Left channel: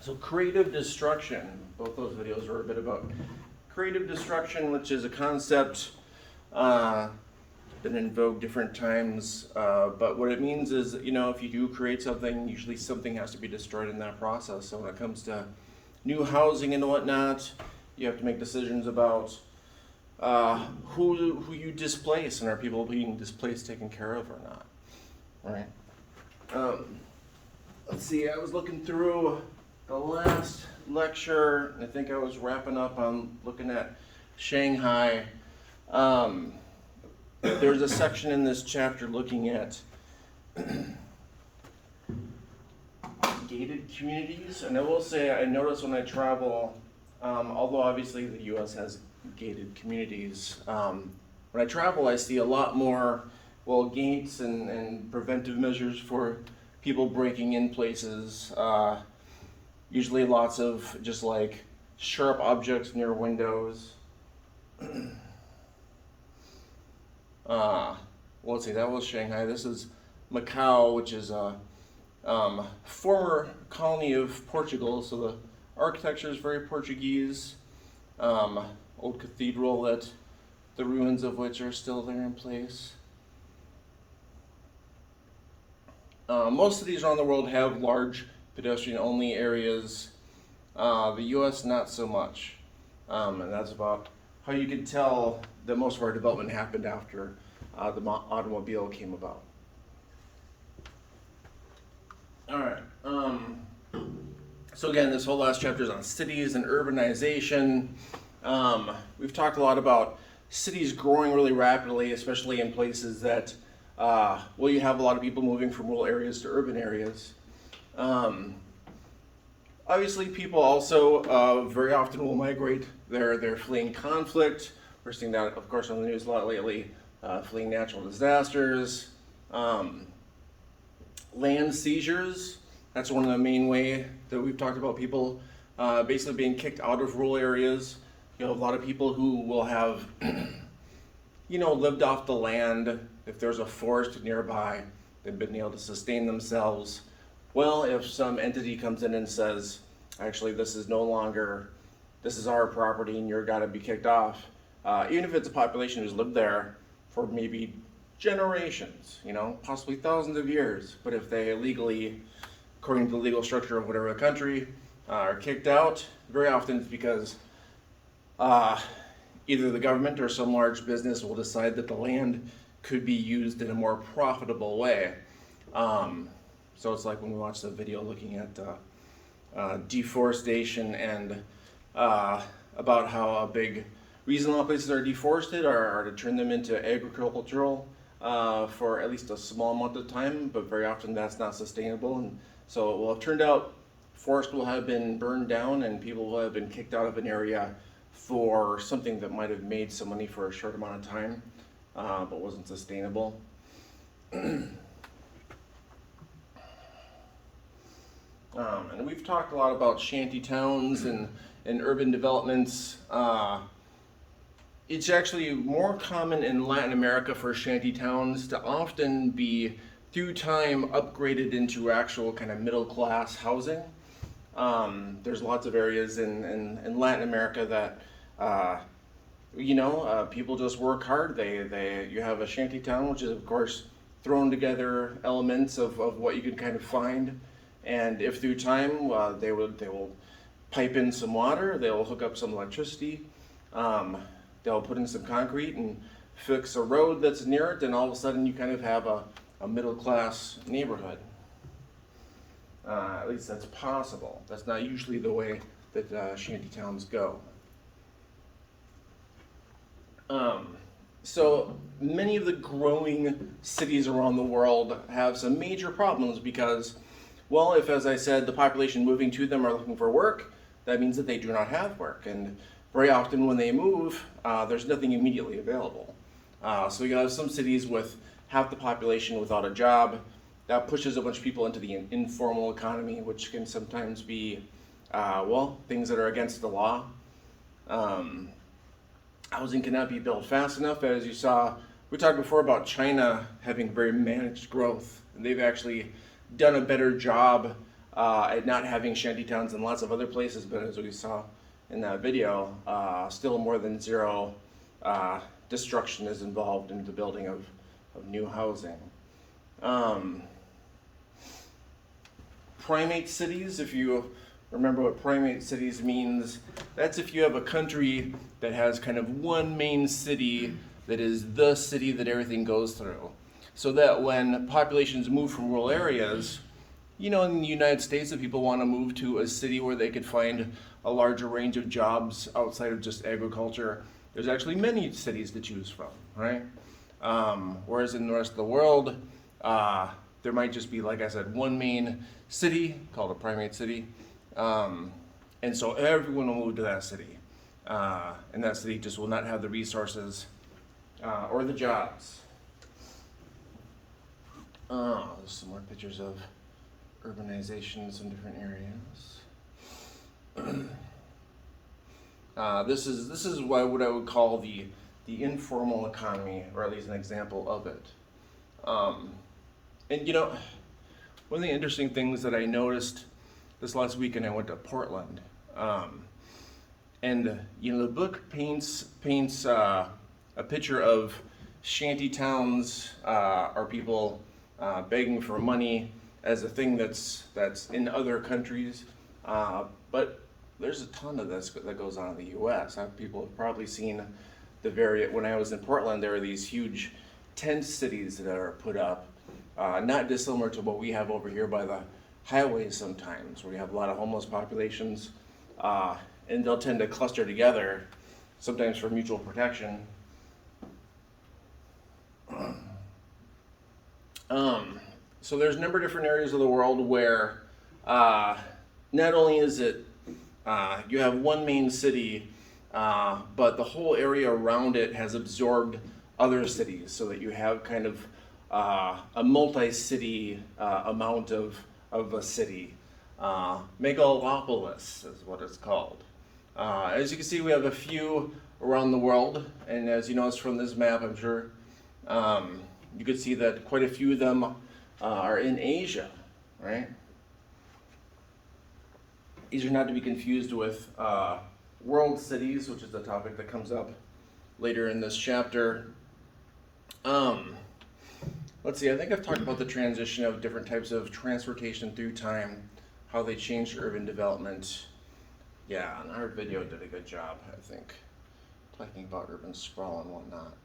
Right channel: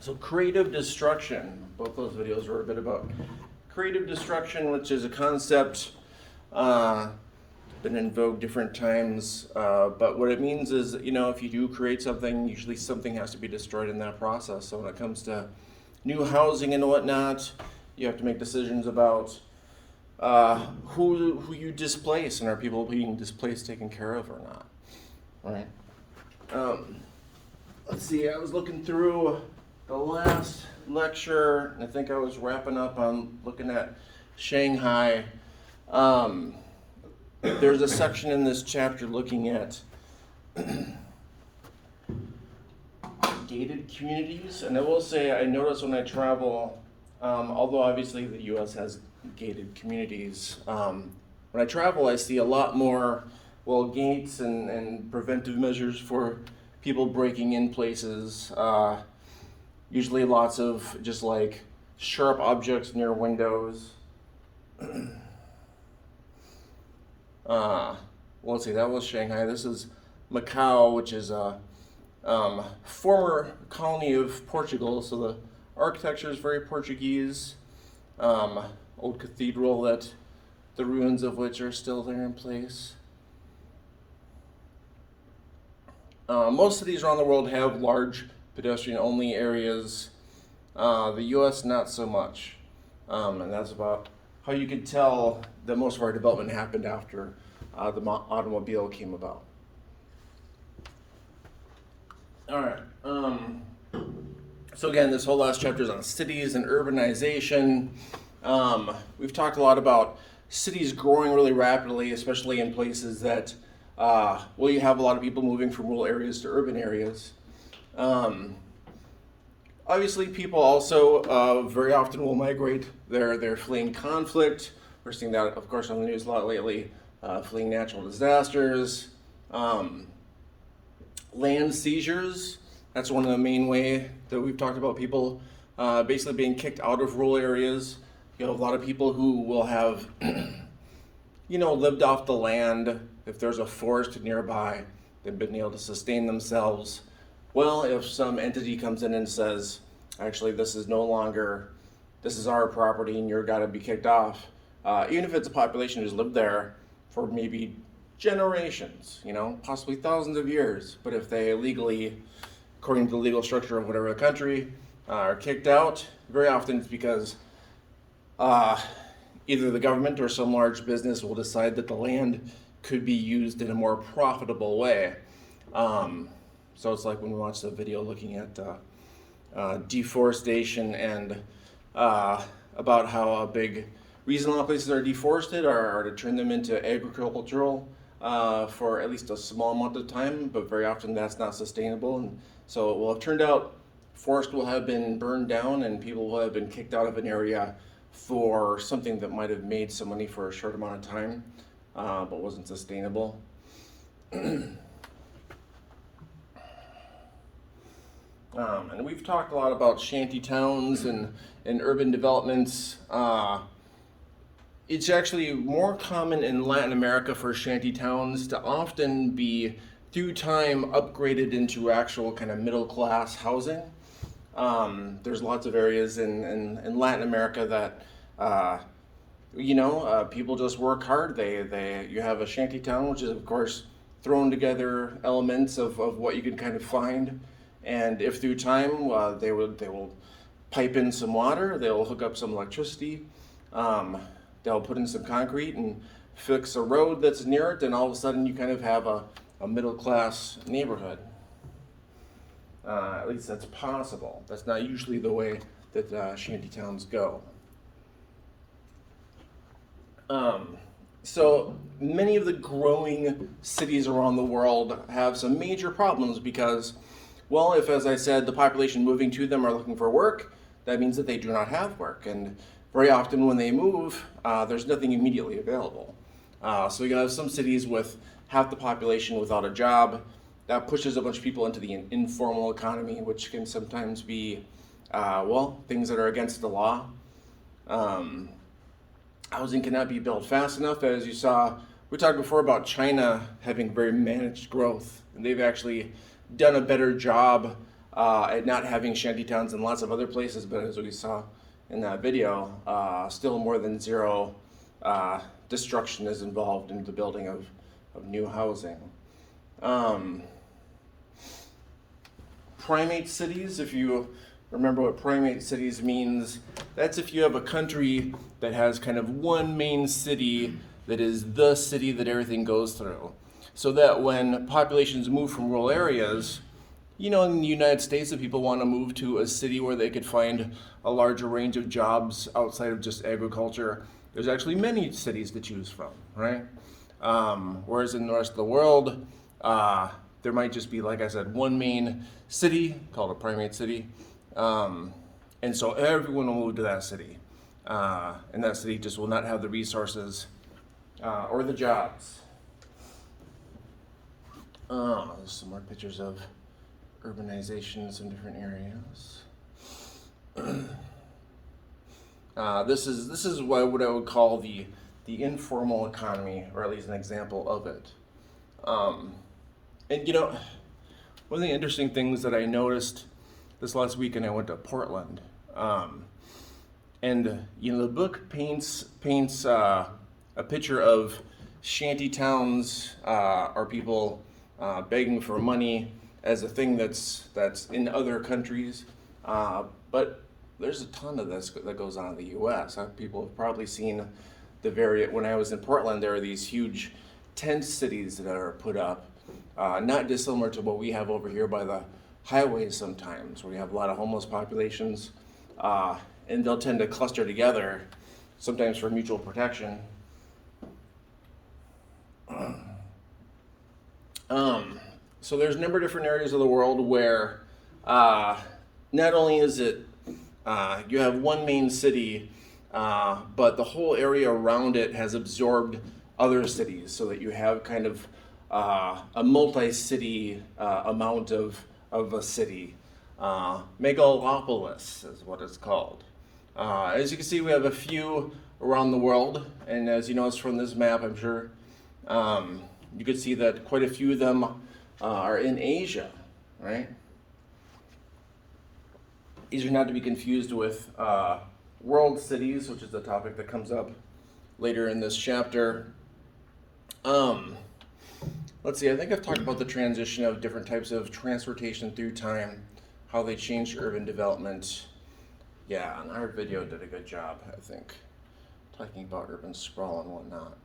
So creative destruction, both those videos were a bit about creative destruction, which is a concept been in vogue different times. But what it means is, if you do create something, usually something has to be destroyed in that process. So when it comes to new housing and whatnot, you have to make decisions about who you displace, and are people being displaced taken care of or not, right? Let's see, I was looking through the last lecture, and I think I was wrapping up on looking at Shanghai. There's a section in this chapter looking at gated communities, and I will say I notice when I travel, although obviously the U.S. has gated communities, when I travel I see a lot more, gates and preventive measures for people breaking in places. Usually lots of just like sharp objects near windows. Let's see, that was Shanghai. This is Macau, which is a former colony of Portugal, so the architecture is very Portuguese. Old cathedral that the ruins of which are still there in place. Most cities around the world have large pedestrian-only areas. The U.S. not so much, and that's about how you could tell that most of our development happened after the automobile came about. All right. So again, this whole last chapter is on cities and urbanization. We've talked a lot about cities growing really rapidly, especially in places that, you have a lot of people moving from rural areas to urban areas. Obviously, people also very often will migrate. They're fleeing conflict. We're seeing that, of course, on the news a lot lately. Fleeing natural disasters, land seizures. That's one of the main way that we've talked about people basically being kicked out of rural areas. You have a lot of people who will have, lived off the land. If there's a forest nearby, they've been able to sustain themselves. Well, if some entity comes in and says, actually, this is our property and you're gotta be kicked off, even if it's a population who's lived there for maybe generations, possibly thousands of years, but if they illegally, according to the legal structure of whatever country, are kicked out, very often it's because either the government or some large business will decide that the land could be used in a more profitable way. So it's like when we watch the video looking at deforestation and about how a big reason a lot of places are deforested are to turn them into agricultural for at least a small amount of time, but very often that's not sustainable. And so it will have turned out forest will have been burned down and people will have been kicked out of an area for something that might have made some money for a short amount of time, but wasn't sustainable. And we've talked a lot about shanty towns and urban developments. It's actually more common in Latin America for shanty towns to often be, through time, upgraded into actual kind of middle class housing. There's lots of areas in Latin America that, people just work hard. You have a shanty town, which is, of course, thrown together elements of what you can kind of find. And if through time they will pipe in some water, they'll hook up some electricity, they'll put in some concrete and fix a road that's near it, and all of a sudden you kind of have a middle class neighborhood. At least that's possible. That's not usually the way that shanty towns go. So many of the growing cities around the world have some major problems because, if, as I said, the population moving to them are looking for work, that means that they do not have work. And very often when they move, there's nothing immediately available. So you have some cities with half the population without a job. That pushes a bunch of people into the informal economy, which can sometimes be, things that are against the law. Housing cannot be built fast enough. As you saw, we talked before about China having very managed growth. And they've actually done a better job at not having shanty towns in lots of other places, but as we saw in that video, still more than zero destruction is involved in the building of new housing. Primate cities, if you remember what primate cities means, that's if you have a country that has kind of one main city that is the city that everything goes through. So that when populations move from rural areas, in the United States, if people want to move to a city where they could find a larger range of jobs outside of just agriculture, there's actually many cities to choose from, right? Whereas in the rest of the world, there might just be, like I said, one main city called a primate city. And so everyone will move to that city. And that city just will not have the resources or the jobs. There's some more pictures of urbanizations in different areas. This is what I would call the informal economy, or at least an example of it. And one of the interesting things that I noticed this last weekend, I went to Portland, and the book paints a picture of shanty towns or people begging for money as a thing that's in other countries, but there's a ton of this that goes on in the U.S. People have probably seen when I was in Portland, there are these huge tent cities that are put up, not dissimilar to what we have over here by the highways sometimes, where we have a lot of homeless populations, and they'll tend to cluster together, sometimes for mutual protection. So there's a number of different areas of the world where not only is it you have one main city, but the whole area around it has absorbed other cities, so that you have kind of a multi-city amount of a city. Megalopolis is what it's called. As you can see, we have a few around the world, and as you notice from this map, I'm sure you could see that quite a few of them are in Asia, right? These are not to be confused with world cities, which is a topic that comes up later in this chapter. Let's see, I think I've talked about the transition of different types of transportation through time, how they changed urban development. Yeah, and our video did a good job, I think, talking about urban sprawl and whatnot.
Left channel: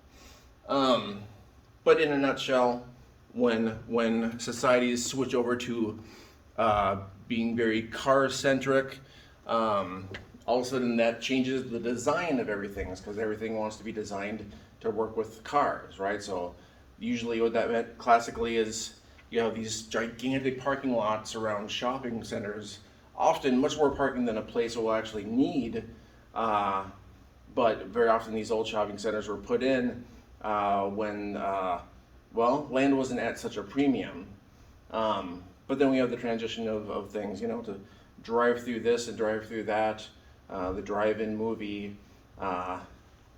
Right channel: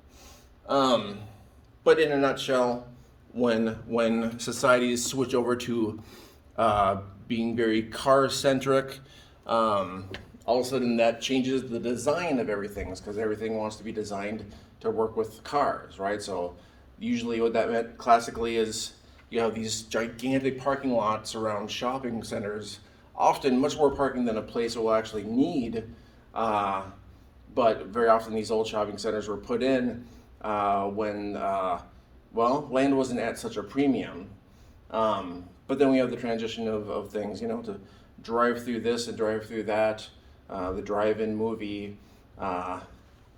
But in a nutshell, when societies switch over to being very car-centric, all of a sudden that changes the design of everything, because everything wants to be designed to work with cars, right? So usually what that meant classically is you have these gigantic parking lots around shopping centers, often much more parking than a place will actually need, but very often these old shopping centers were put in when land wasn't at such a premium. But then we have the transition of things, to drive through this and drive through that, the drive-in movie,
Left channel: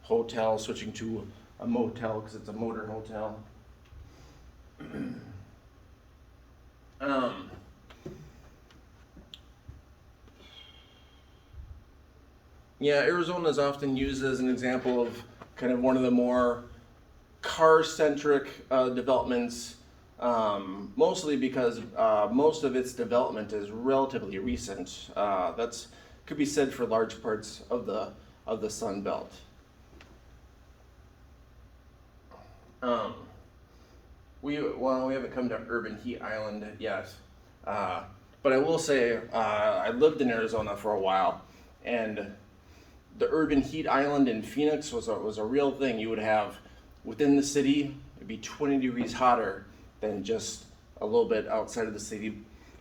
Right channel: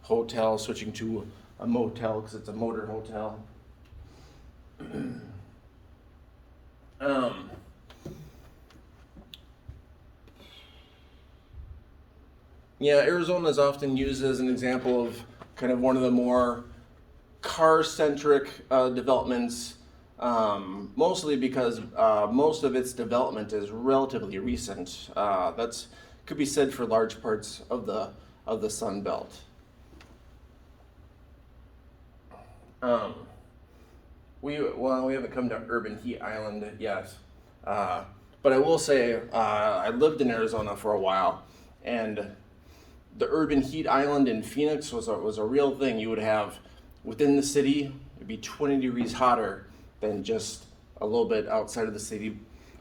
hotel switching to a motel because it's a motor hotel. Arizona is often used as an example of kind of one of the more car-centric developments, mostly because most of its development is relatively recent. That's could be said for large parts of the Sun Belt. We haven't come to Urban Heat Island yet, but I will say I lived in Arizona for a while, and the Urban Heat Island in Phoenix was a real thing. You would have within the city, it'd be 20 degrees hotter than just a little bit outside of the city,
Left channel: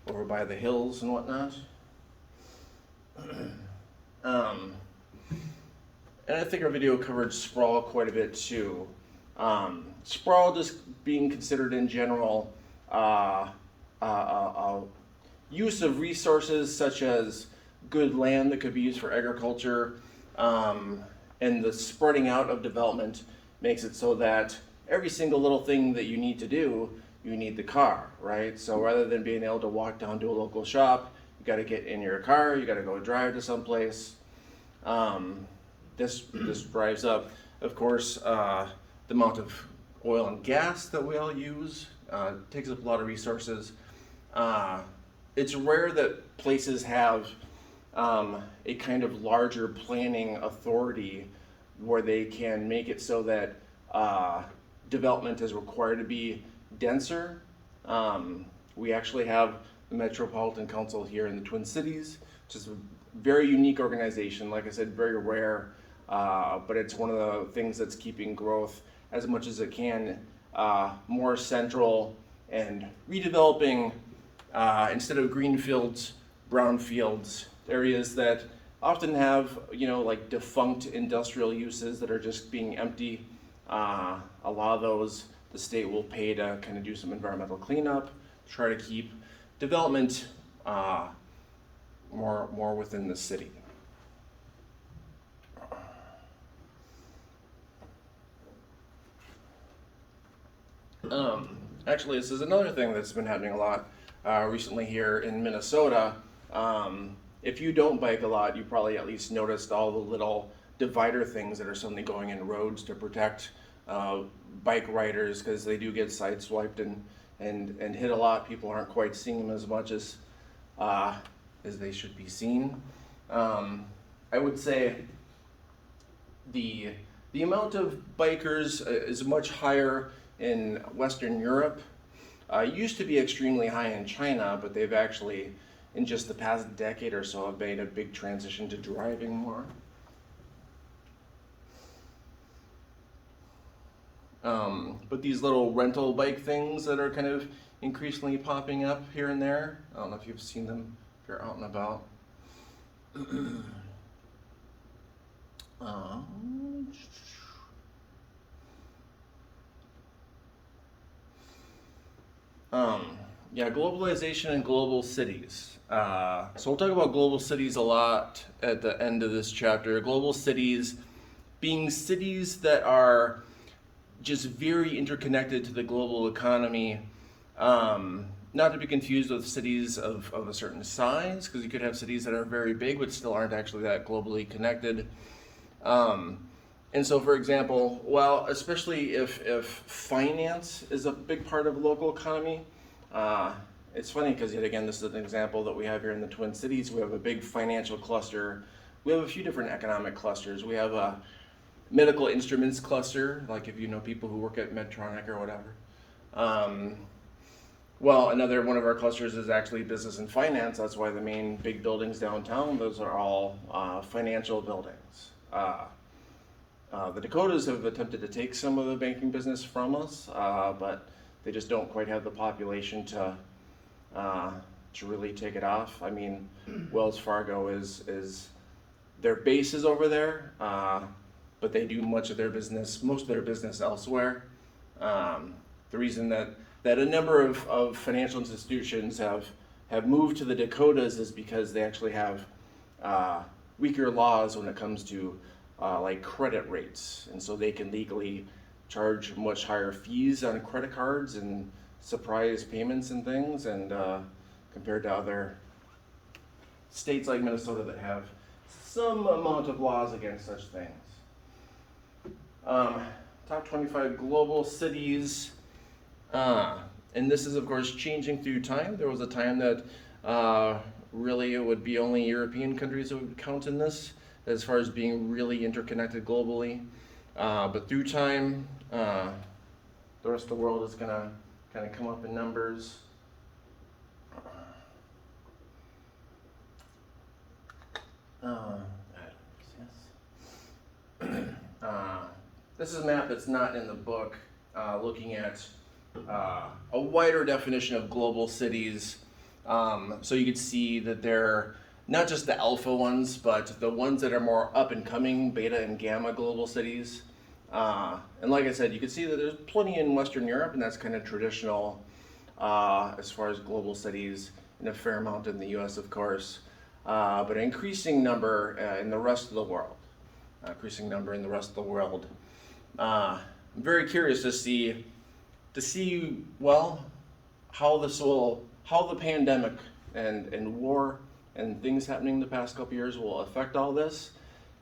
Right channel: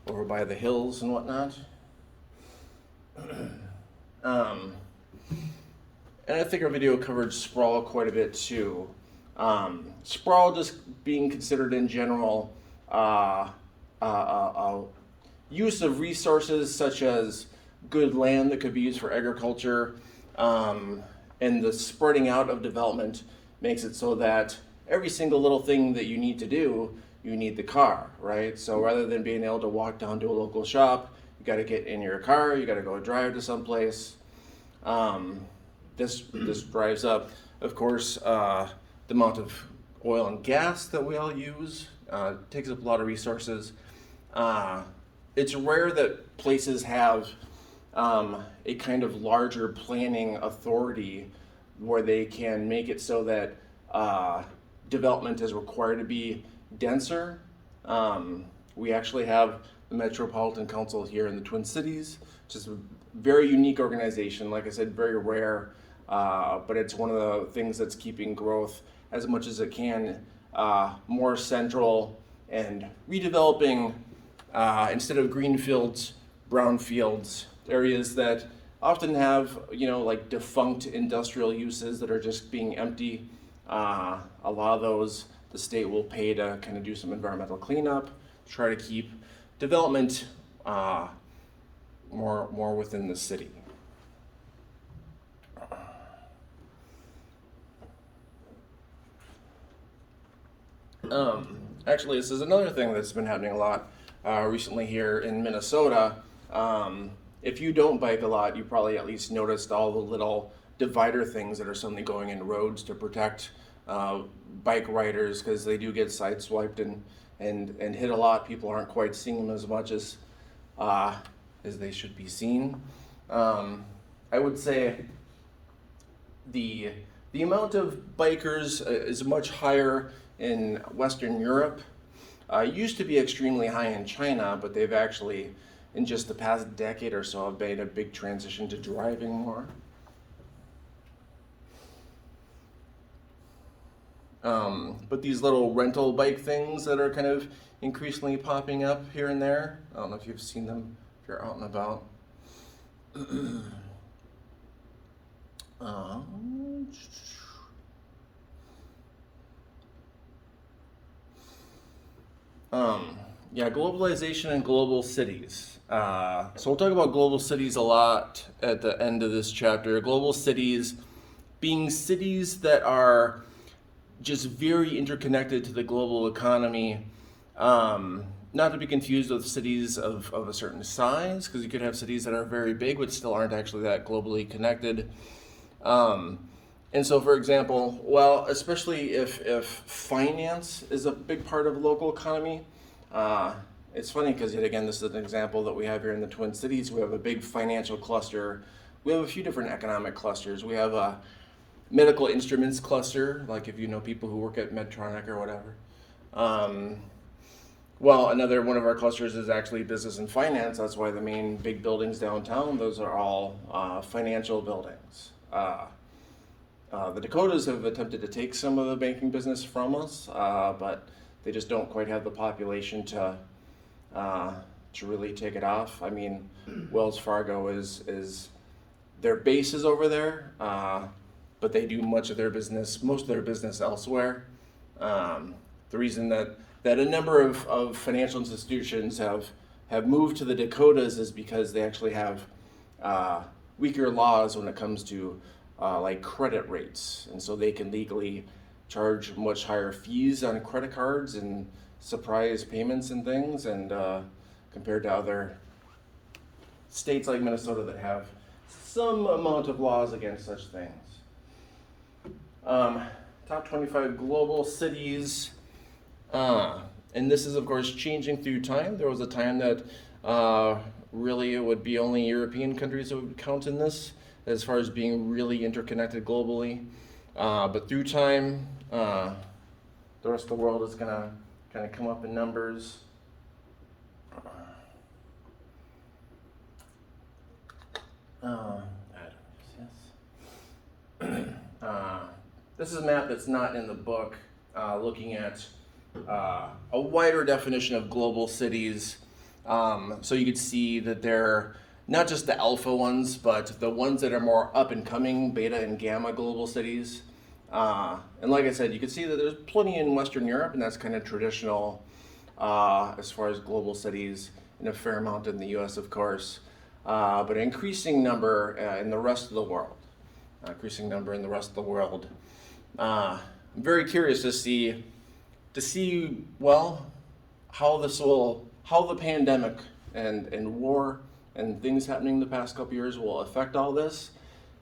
over by the hills and whatnot. And I think our video covered sprawl quite a bit too. Sprawl just being considered in general use of resources such as good land that could be used for agriculture, and the spreading out of development makes it so that every single little thing that you need to do, you need the car, right? So rather than being able to walk down to a local shop, you got to get in your car, you got to go drive to someplace. This drives up, of course, the amount of oil and gas that we all use. Takes up a lot of resources. It's rare that places have a kind of larger planning authority where they can make it so that development is required to be denser. We actually have the Metropolitan Council here in the Twin Cities, which is a very unique organization. Like I said, very rare, but it's one of the things that's keeping growth as much as it can more central and redeveloping instead of green fields, brown fields, areas that often have, like defunct industrial uses that are just being empty. A lot of those, the state will pay to kind of do some environmental cleanup, try to keep development more within the city. Actually, this is another thing that's been happening a lot recently here in Minnesota. If you don't bike a lot, you probably at least noticed all the little divider things that are suddenly going in roads to protect bike riders, because they do get sideswiped and hit a lot. People aren't quite seeing them as much as they should be seen. I would say the amount of bikers is much higher in Western Europe. Used to be extremely high in China, but they've actually, in just the past decade or so, have made a big transition to driving more. But these little rental bike things that are kind of increasingly popping up here and there, I don't know if you've seen them if you're out and about. Yeah, globalization and global cities. So we'll talk about global cities a lot at the end of this chapter. Global cities being cities that are just very interconnected to the global economy. Not to be confused with cities of a certain size, because you could have cities that are very big but still aren't actually that globally connected. And so, for example, well, especially if finance is a big part of local economy, it's funny because, yet again, this is an example that we have here in the Twin Cities. We have a big financial cluster. We have a few different economic clusters. We have a medical instruments cluster, like if you know people who work at Medtronic or whatever. Well, another one of our clusters is actually business and finance. That's why the main big buildings downtown, those are all financial buildings. The Dakotas have attempted to take some of the banking business from us, but they just don't quite have the population to really take it off. I mean, Wells Fargo is their base is over there, but they do most of their business elsewhere. The reason that a number of financial institutions have moved to the Dakotas is because they actually have weaker laws when it comes to like credit rates, and so they can legally charge much higher fees on credit cards and surprise payments and things, and compared to other states like Minnesota that have some amount of laws against such things. Top 25 global cities, and this is of course changing through time. There was a time that really it would be only European countries that would count in this as far as being really interconnected globally. But through time, the rest of the world is going to kind of come up in numbers. This is a map that's not in the book, looking at a wider definition of global cities. So you could see that they're not just the alpha ones, but the ones that are more up and coming, beta and gamma global cities. And like I said, you can see that there's plenty in Western Europe, and that's kind of traditional as far as global cities, and a fair amount in the US, of course, but an increasing number in the rest of the world. I'm very curious to see, well, how the pandemic and war and things happening the past couple years will affect all this,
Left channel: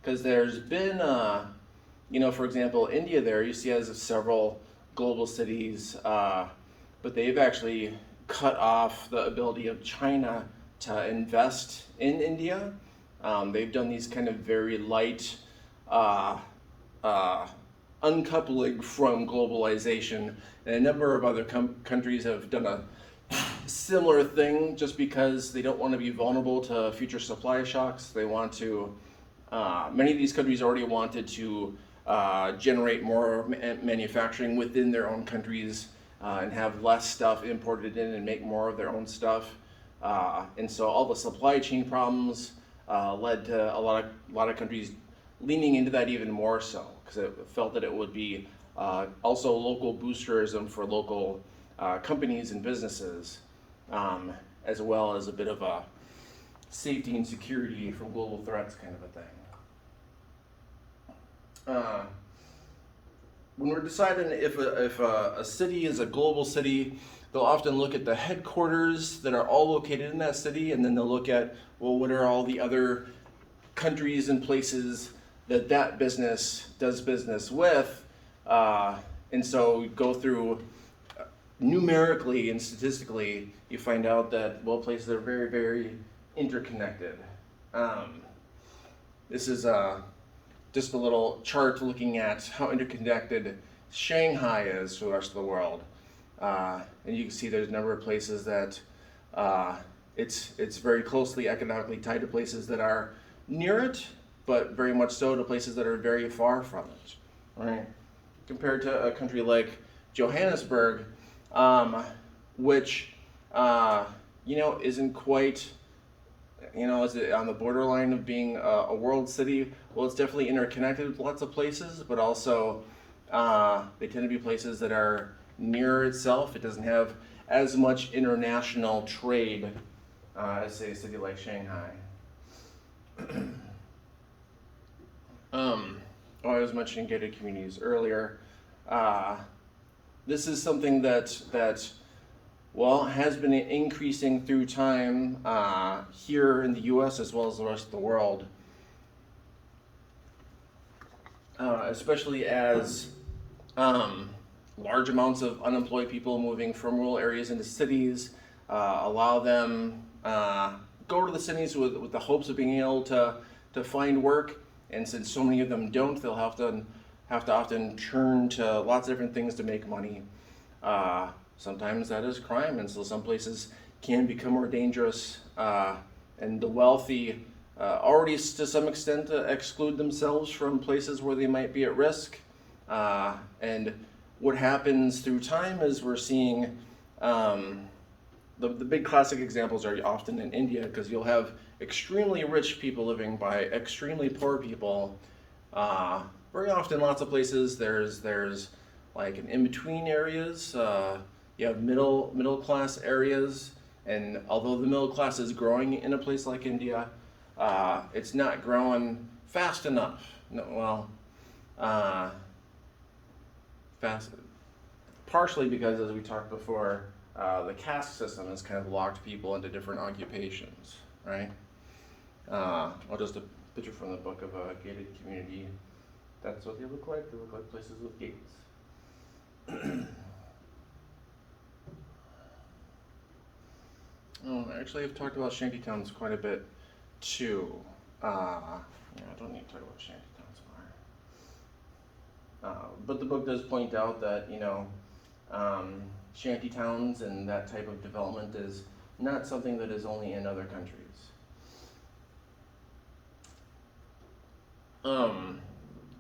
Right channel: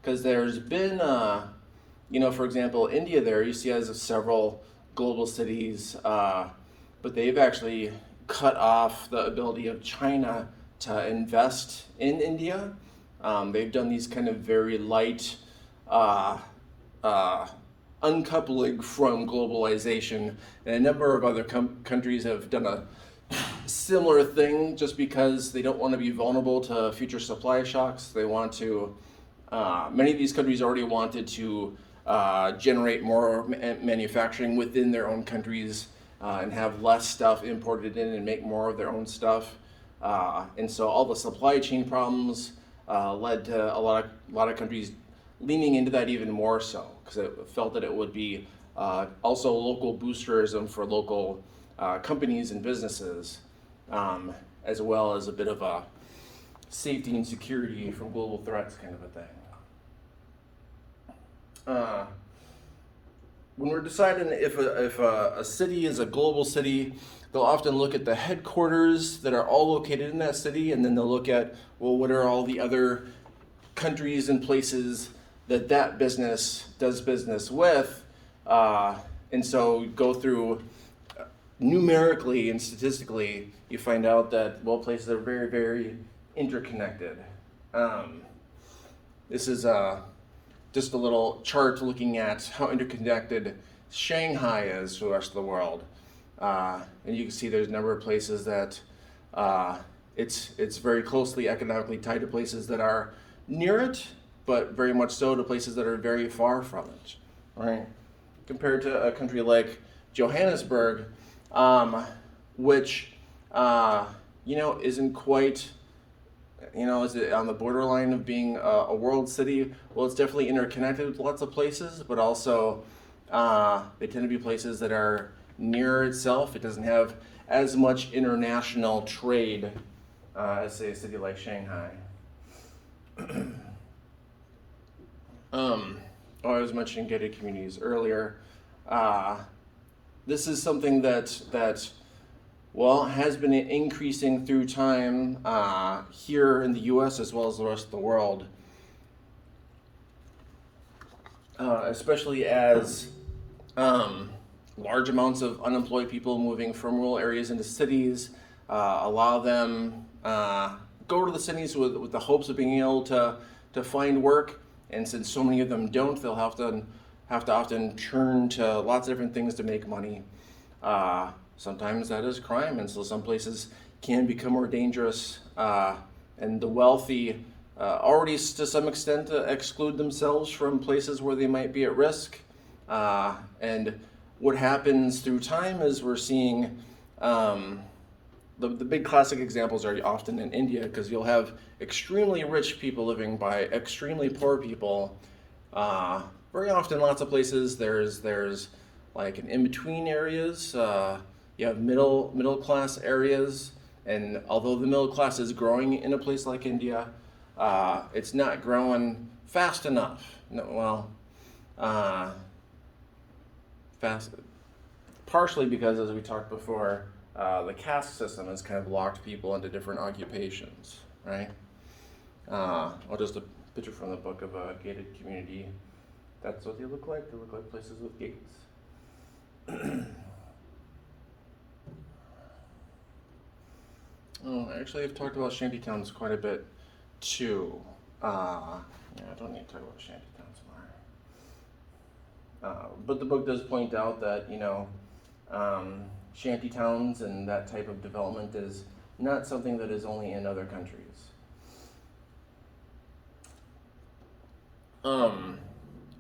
because there's been, for example, India there you see has several global cities, but they've actually cut off the ability of China to invest in India. They've done these kind of very light uncoupling from globalization, and a number of other countries have done a similar thing just because they don't want to be vulnerable to future supply shocks. They want to, many of these countries already wanted to generate more manufacturing within their own countries and have less stuff imported in and make more of their own stuff. And so all the supply chain problems led to a lot of countries leaning into that even more so, because it felt that it would be also local boosterism for local companies and businesses, as well as a bit of a safety and security from global threats kind of a thing. When we're deciding if a city is a global city, they'll often look at the headquarters that are all located in that city, and then they'll look at, well, what are all the other countries and places that business does business with, and so go through numerically and statistically, you find out that, well, places are very, very interconnected. This is just a little chart looking at how interconnected Shanghai is to the rest of the world. And you can see there's a number of places that it's very closely economically tied to places that are near it, but very much so to places that are very far from it. Right? Compared to a country like Johannesburg, which isn't quite, is it on the borderline of being a world city? Well, it's definitely interconnected with lots of places, but also they tend to be places that are near itself. It doesn't have as much international trade as, say, a city like Shanghai. I was mentioning gated communities earlier. This is something that has been increasing through time here in the U.S. as well as the rest of the world, especially as large amounts of unemployed people moving from rural areas into cities allow them go to the cities with the hopes of being able to find work. And since so many of them don't, they'll have to often turn to lots of different things to make money. Sometimes that is crime, and so some places can become more dangerous. And the wealthy already, to some extent, exclude themselves from places where they might be at risk. And what happens through time is we're seeing the big classic examples are often in India, because you'll have extremely rich people living by extremely poor people. Very often, lots of places there's like an in-between areas. You have middle class areas, and although the middle class is growing in a place like India, it's not growing fast enough. Fast, partially because, as we talked before, the caste system has kind of locked people into different occupations, right? Just a picture from the book of a gated community. That's what they look like. They look like places with gates. Actually, I've talked about shantytowns quite a bit too. I don't need to talk about shantytowns more. But the book does point out that, shantytowns and that type of development is not something that is only in other countries.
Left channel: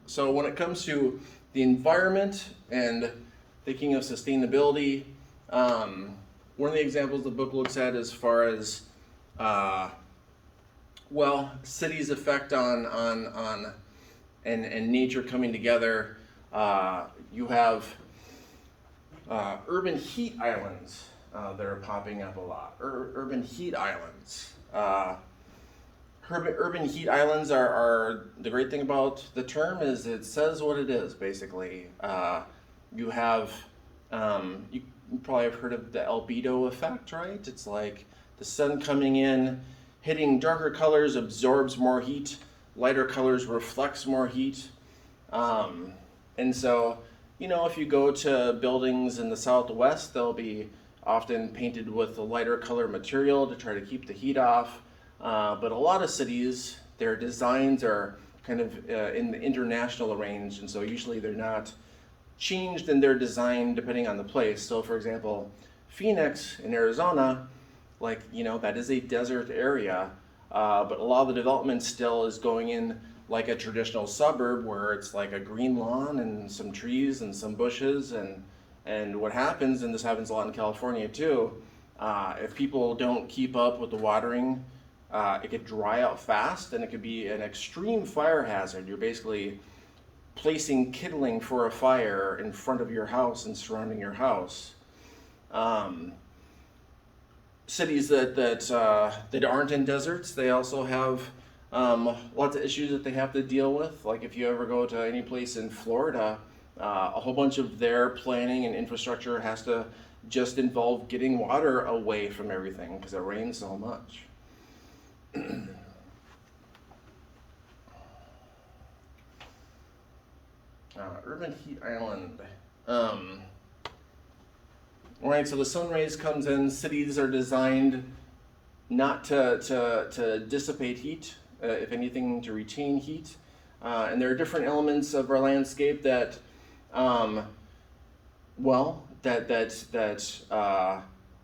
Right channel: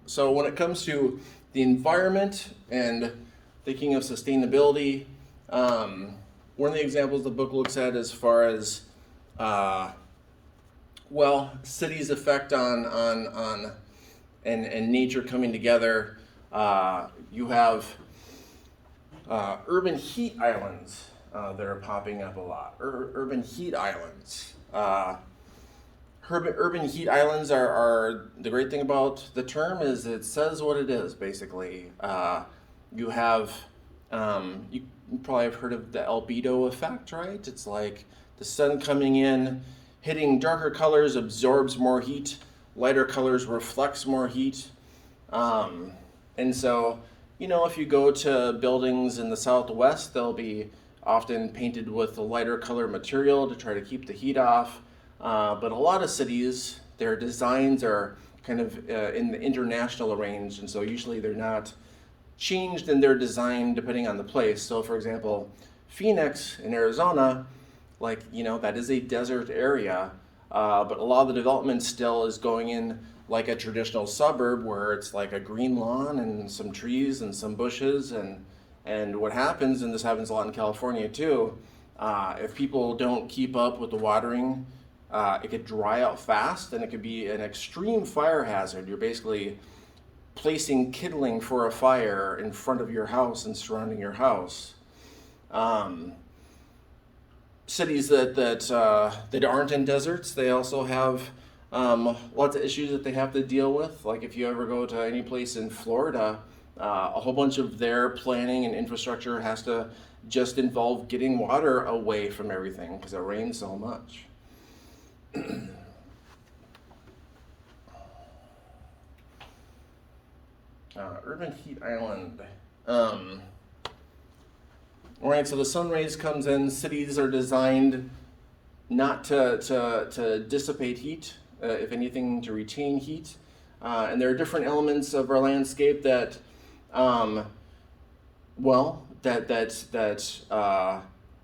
So when it comes to the environment and thinking of sustainability, one of the examples the book looks at as far as cities' effect on and nature coming together. You have urban heat islands that are popping up a lot. Urban heat islands. Urban heat islands are the great thing about the term is it says what it is, basically. You have you probably have heard of the albedo effect, right? It's like the sun coming in, hitting darker colors absorbs more heat, lighter colors reflects more heat. Um, and so, if you go to buildings in the Southwest, they'll be often painted with a lighter color material to try to keep the heat off. But a lot of cities, their designs are kind of in the international range, and so usually they're not changed in their design depending on the place. So, for example, Phoenix in Arizona, that is a desert area, but a lot of the development still is going in like a traditional suburb where it's like a green lawn and some trees and some bushes. And what happens, and this happens a lot in California too, if people don't keep up with the watering, it could dry out fast and it could be an extreme fire hazard. You're basically placing kindling for a fire in front of your house and surrounding your house. Cities that aren't in deserts, they also have lots of issues that they have to deal with. Like if you ever go to any place in Florida, a whole bunch of their planning and infrastructure has to just involve getting water away from everything because it rains so much. Urban heat island. Right, so the sun rays comes in. Cities are designed not to dissipate heat, if anything, to retain heat. And there are different elements of our landscape that,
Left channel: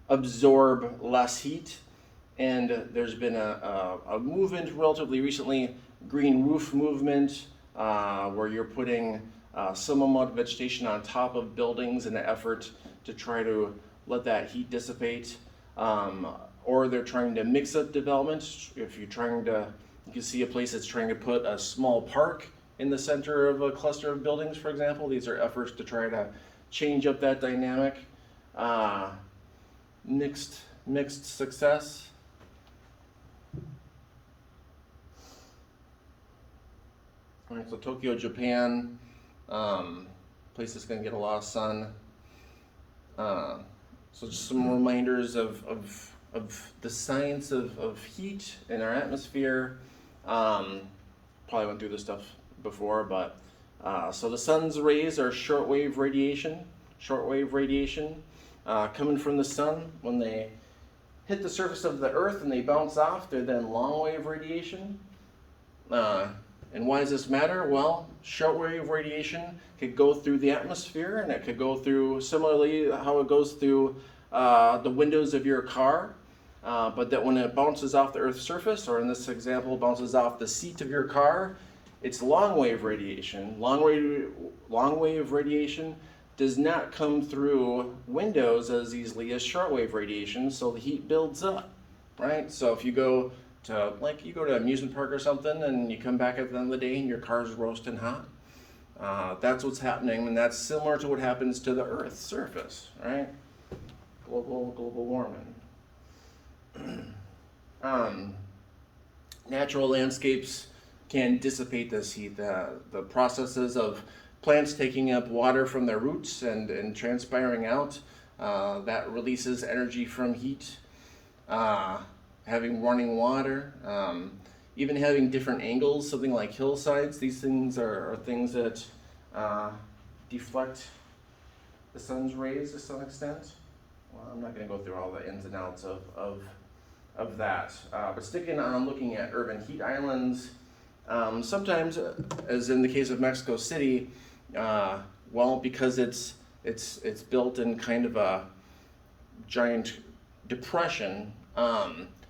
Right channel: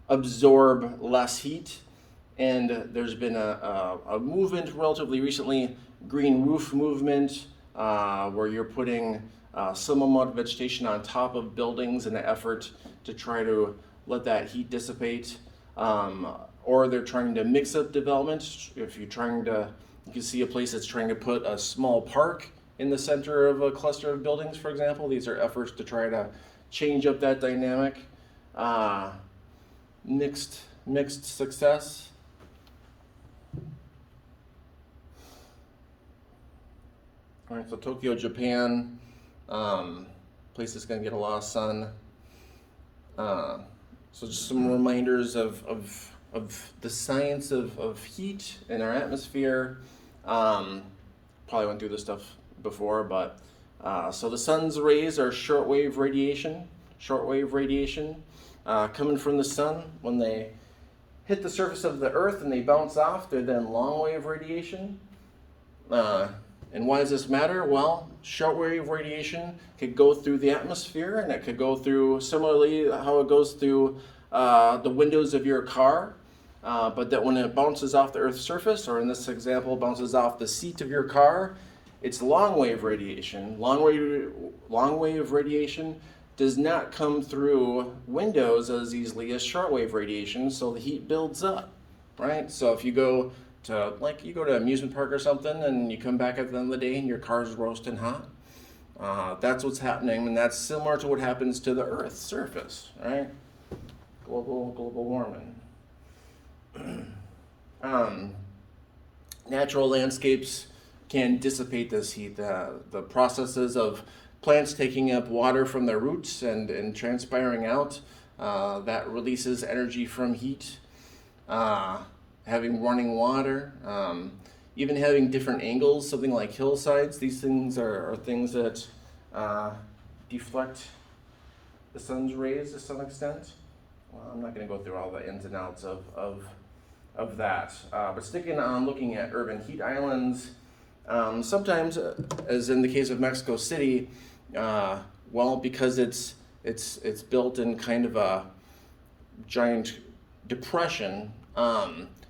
absorb less heat. And there's been a movement relatively recently, green roof movement, where you're putting some amount of vegetation on top of buildings in an effort to try to let that heat dissipate. Or they're trying to mix up development. If you can see a place that's trying to put a small park in the center of a cluster of buildings, for example. These are efforts to try to change up that dynamic. Mixed success. All right, so Tokyo, Japan, place that's going to get a lot of sun. So just some reminders of the science of heat in our atmosphere. Probably went through this stuff before, but so the sun's rays are shortwave radiation. Coming from the sun, when they hit the surface of the earth and they bounce off, they're then long wave radiation. And why does this matter? Well, shortwave radiation could go through the atmosphere, and it could go through, similarly, how it goes through the windows of your car, but that when it bounces off the Earth's surface, or in this example, bounces off the seat of your car, it's long wave radiation. Long wave radiation does not come through windows as easily as shortwave radiation, so the heat builds up, right? So if you go to an amusement park or something, and you come back at the end of the day and your car's roasting hot. That's what's happening, and that's similar to what happens to the Earth's surface, right? Global warming. Natural landscapes can dissipate this heat. The processes of plants taking up water from their roots and transpiring out, that releases energy from heat. Having running water, even having different angles, something like hillsides. These things are things that deflect the sun's rays to some extent. Well, I'm not going to go through all the ins and outs of that. But sticking on looking at urban heat islands, sometimes, as in the case of Mexico City, because it's built in kind of a giant depression.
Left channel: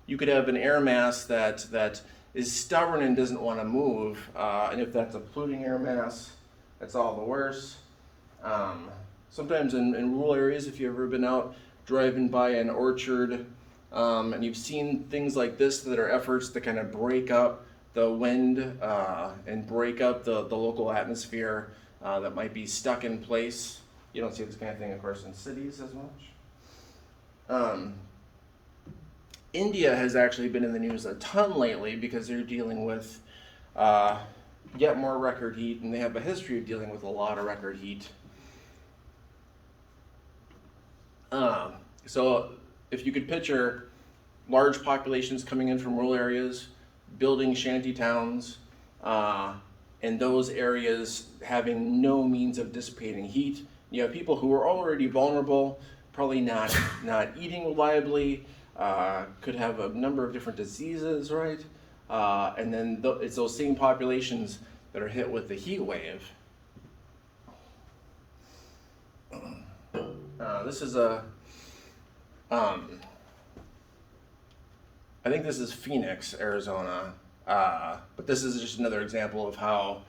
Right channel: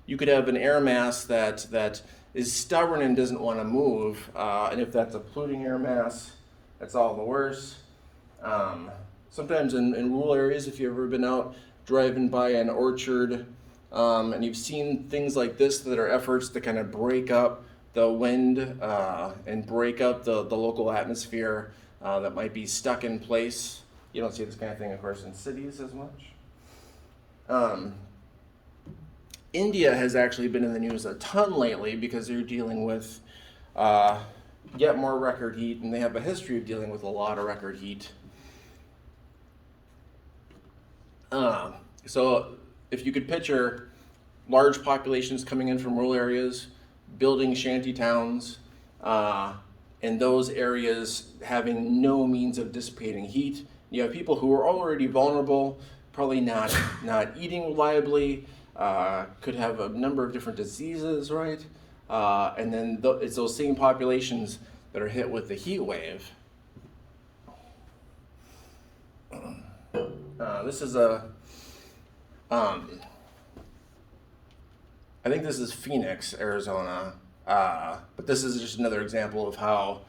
You could have an air mass that is stubborn and doesn't want to move, and if that's a polluting air mass, that's all the worse. Sometimes in rural areas, if you've ever been out driving by an orchard, and you've seen things like this that are efforts to kind of break up the wind and break up the local atmosphere that might be stuck in place. You don't see this kind of thing, of course, in cities as much. India has actually been in the news a ton lately because they're dealing with yet more record heat, and they have a history of dealing with a lot of record heat. So if you could picture large populations coming in from rural areas, building shanty towns, and those areas having no means of dissipating heat. You have people who are already vulnerable, probably not eating reliably, could have a number of different diseases, right? And then it's those same populations that are hit with the heat wave. This is I think this is Phoenix, Arizona, but this is just another example of how,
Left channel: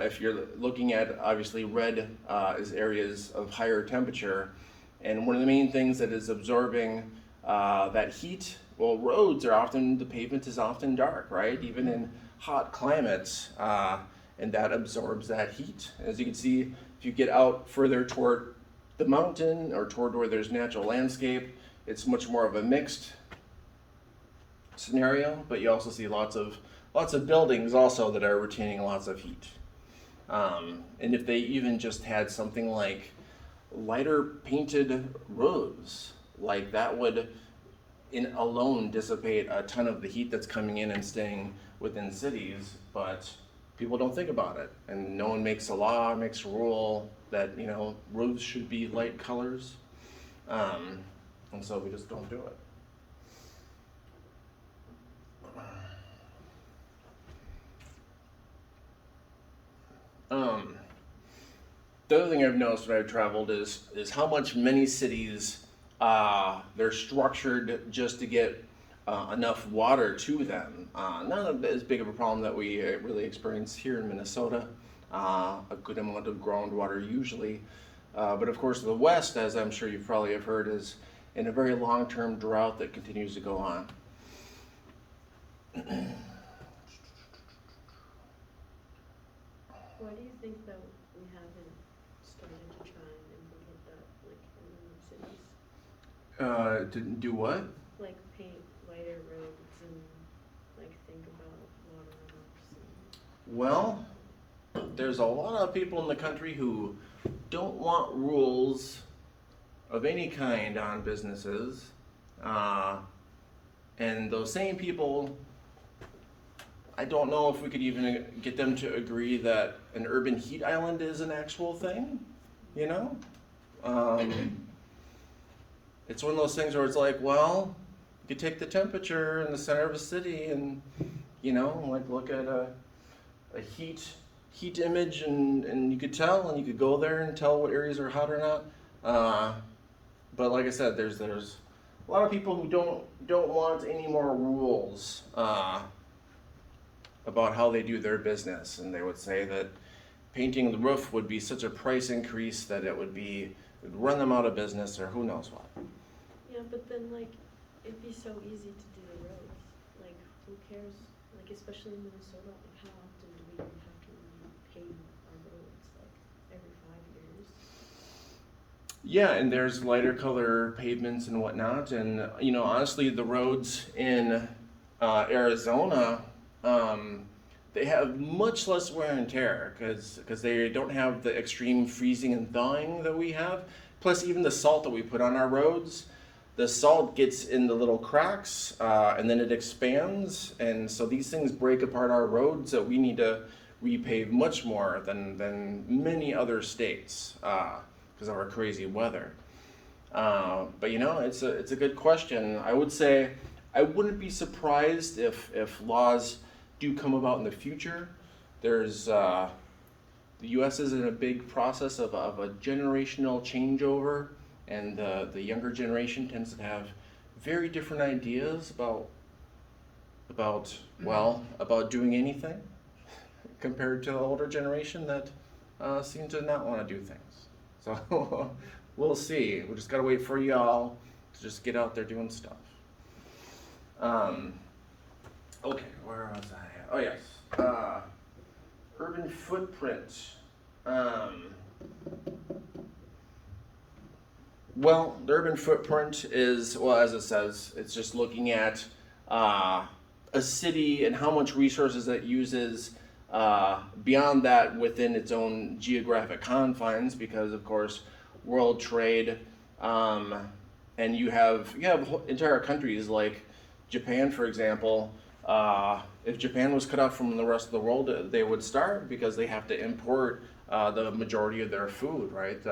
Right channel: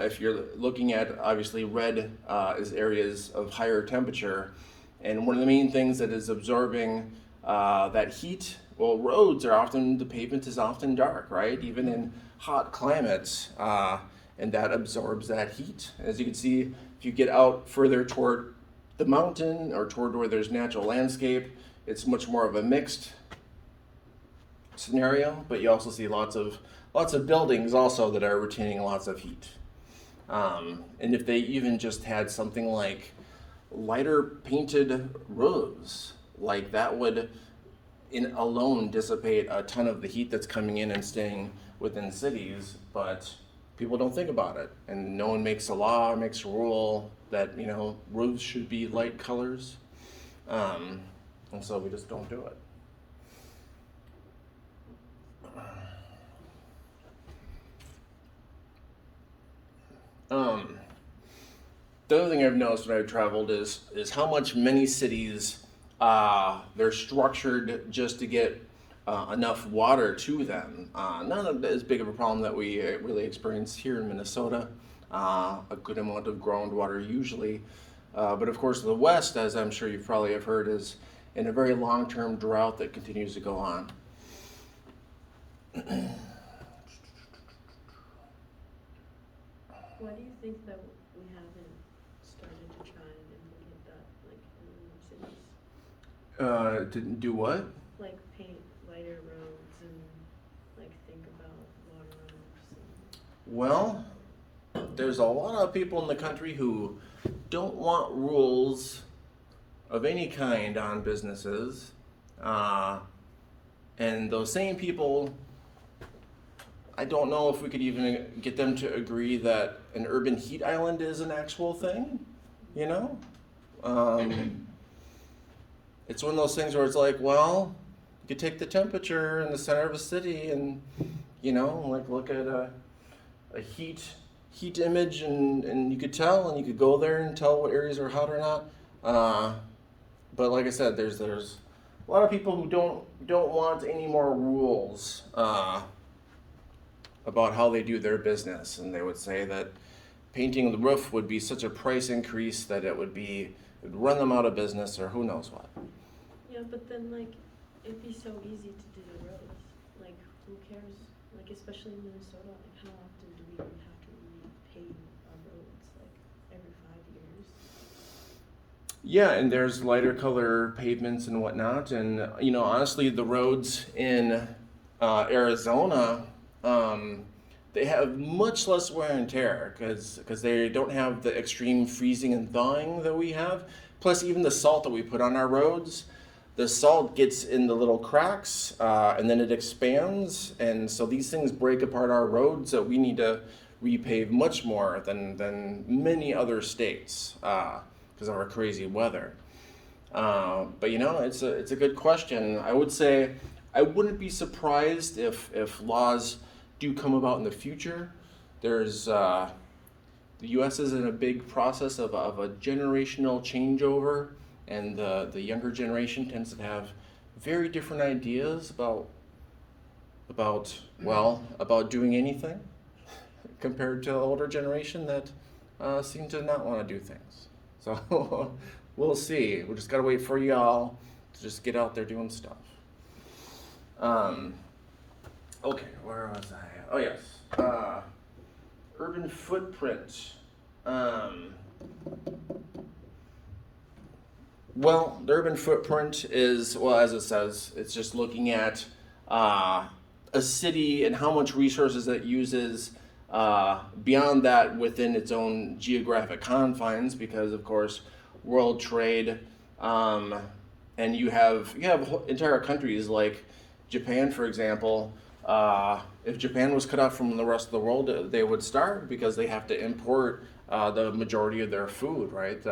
if you're looking at, obviously red is areas of higher temperature, and one of the main things that is absorbing that heat, well, the pavement is often dark, right? Even in hot climates, and that absorbs that heat. As you can see, if you get out further toward the mountain or toward where there's natural landscape, it's much more of a mixed scenario, but you also see lots of buildings also that are retaining lots of heat. And if they even just had something like lighter painted roofs, like that would alone dissipate a ton of the heat that's coming in and staying within cities, but people don't think about it, and no one makes a law, makes a rule that roofs should be light colors, and so we just don't do it. The other thing I've noticed when I've traveled is how much many cities they're structured just to get enough water to them. Not as big of a problem that we really experience here in Minnesota. A good amount of groundwater usually, but of course the West, as I'm sure you probably have heard, is in a very long-term drought that continues to go on. Why do you think that we haven't started to try and implement that, like, in cities? Didn't do what? Like paint lighter roads and like think about water runoffs and... Well, there's a lot of people in the country who don't want rules of any kind on businesses, and those same people, I don't know if we could even get them to agree that an urban heat island is an actual thing, It's one of those things where it's like, well, you could take the temperature in the center of a city and, like look at a heat image and you could tell, and you could go there and tell what areas are hot or not. But like I said, there's a lot of people who don't want any more rules about how they do their business, and they would say that painting the roof would be such a price increase that it would run them out of business, or who knows what. Yeah, but then like it'd be so easy to do the roads. Like who cares? Like especially in Minnesota, how often do we even have to repave our roads? Like every 5 years? Yeah, and there's lighter color pavements and whatnot, and honestly, the roads in Arizona, they have much less wear and tear because they don't have the extreme freezing and thawing that we have. Plus, even the salt that we put on our roads, the salt gets in the little cracks and then it expands, and so these things break apart our roads that we need to repave much more than many other states because of our crazy weather. But it's a good question. I would say I wouldn't be surprised if laws do come about in the future. There's the U.S. is in a big process of a generational changeover, and the younger generation tends to have very different ideas about doing anything compared to the older generation that seem to not want to do things. So we'll see. We just gotta wait for y'all to just get out there doing stuff. Okay, where was I? Oh yes, urban footprint. Well, the urban footprint is, well, as it says, it's just looking at a city and how much resources it uses beyond that within its own geographic confines, because of course world trade And you have entire countries like Japan, for example. If Japan was cut off from the rest of the world, they would starve because they have to import the majority of their food, right?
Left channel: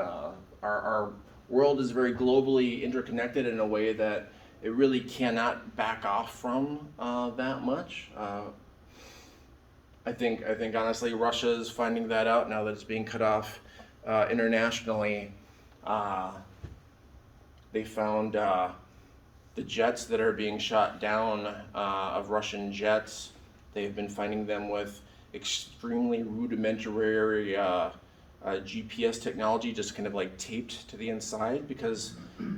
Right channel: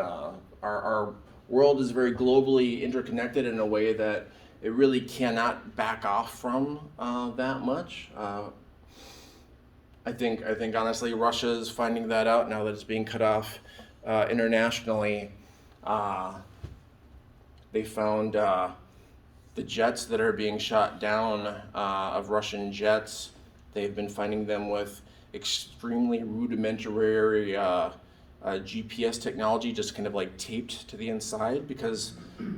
Our world is very globally interconnected in a way that it really cannot back off from that much. I think honestly, Russia is finding that out now that it's being cut off internationally. Uh, they found the jets that are being shot down of Russian jets. They've been finding them with extremely rudimentary GPS technology, just kind of like taped to the inside because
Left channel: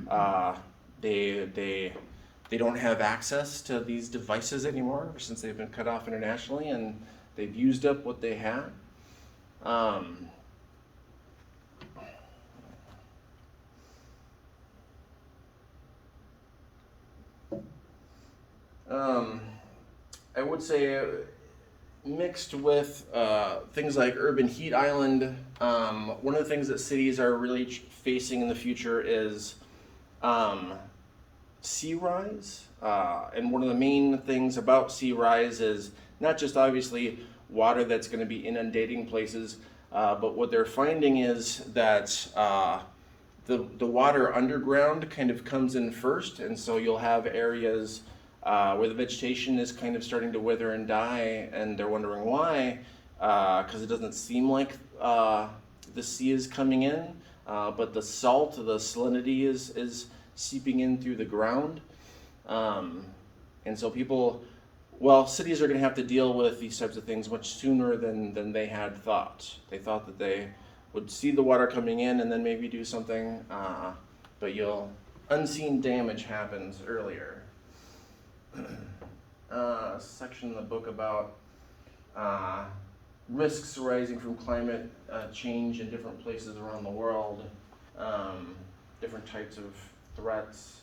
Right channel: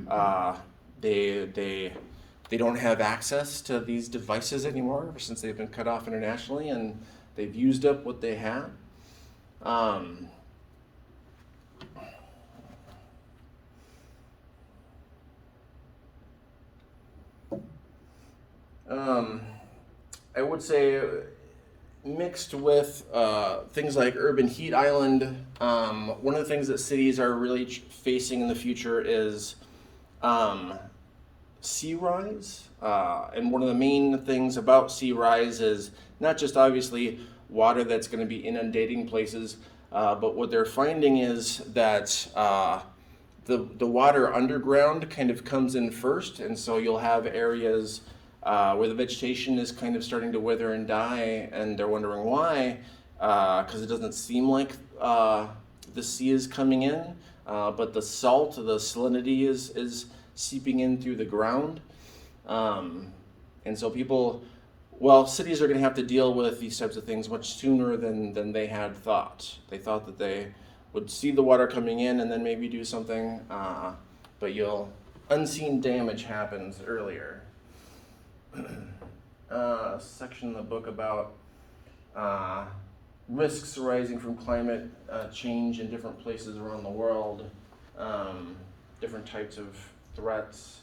uh, they don't have access to these devices anymore since they've been cut off internationally, and they've used up what they had. Um, um, I would say mixed with things like urban heat island. One of the things that cities are really facing in the future is um, sea rise. And one of the main things about sea rise is not just obviously water that's going to be inundating places, but what they're finding is that the water underground kind of comes in first, and so you'll have areas where the vegetation is kind of starting to wither and die, and they're wondering why, because it doesn't seem like the sea is coming in, but the salt, the salinity is seeping in through the ground. And so cities are going to have to deal with these types of things much sooner than they had thought. They thought that they would see the water coming in and then maybe do something, but unseen damage happens earlier. Section in the book about risks arising from climate change in different places around the world, different types of threats.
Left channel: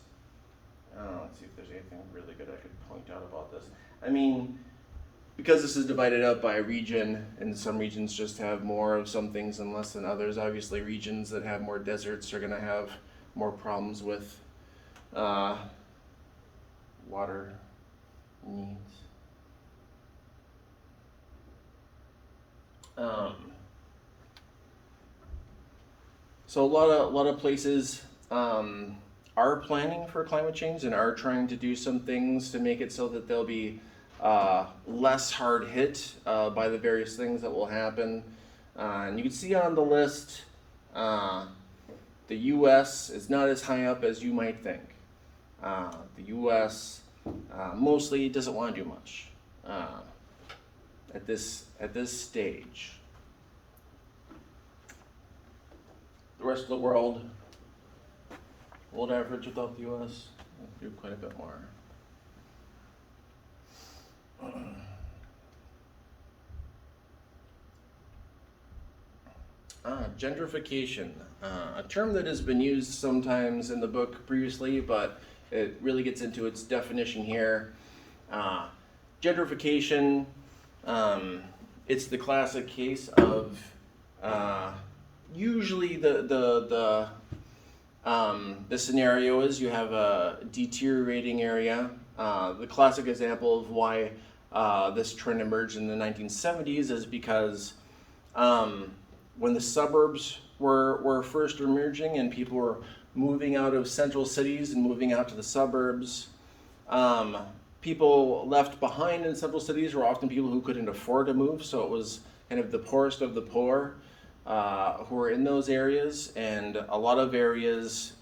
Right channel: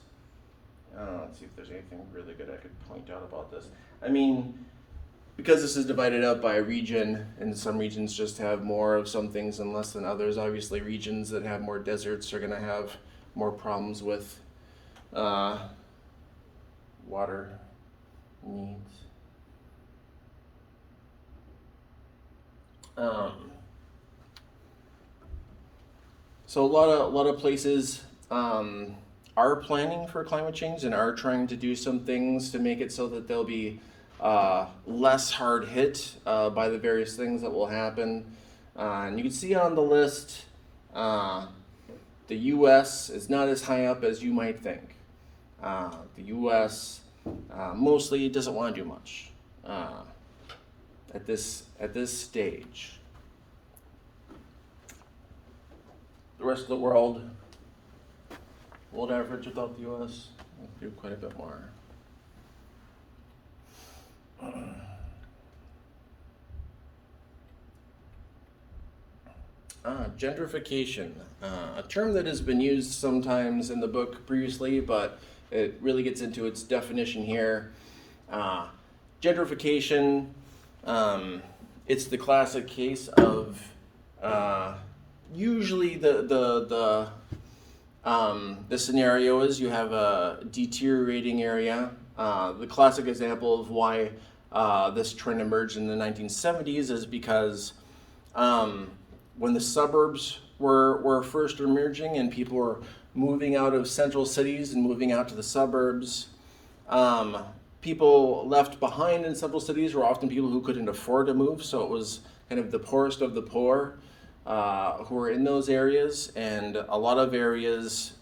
Let's see if there's anything really good I could point out about this. I mean, because this is divided up by region, and some regions just have more of some things and less than others. Obviously, regions that have more deserts are going to have more problems with water needs. So a lot of places are planning for climate change and are trying to do some things to make it so that they'll be less hard hit by the various things that will happen. And you can see on the list, the U.S. is not as high up as you might think. The U.S. Mostly doesn't want to do much at this stage. The rest of the world, world average without the U.S., will do quite a bit more. Gentrification, a term that has been used sometimes in the book previously, but it really gets into its definition here. Gentrification, it's the classic case of usually the scenario is you have a deteriorating area. The classic example of why this trend emerged in the 1970s is because when the suburbs were first emerging and people were moving out of central cities and moving out to the suburbs, people left behind in central cities were often people who couldn't afford to move, so it was kind of the poorest of the poor who were in those areas, and a lot of areas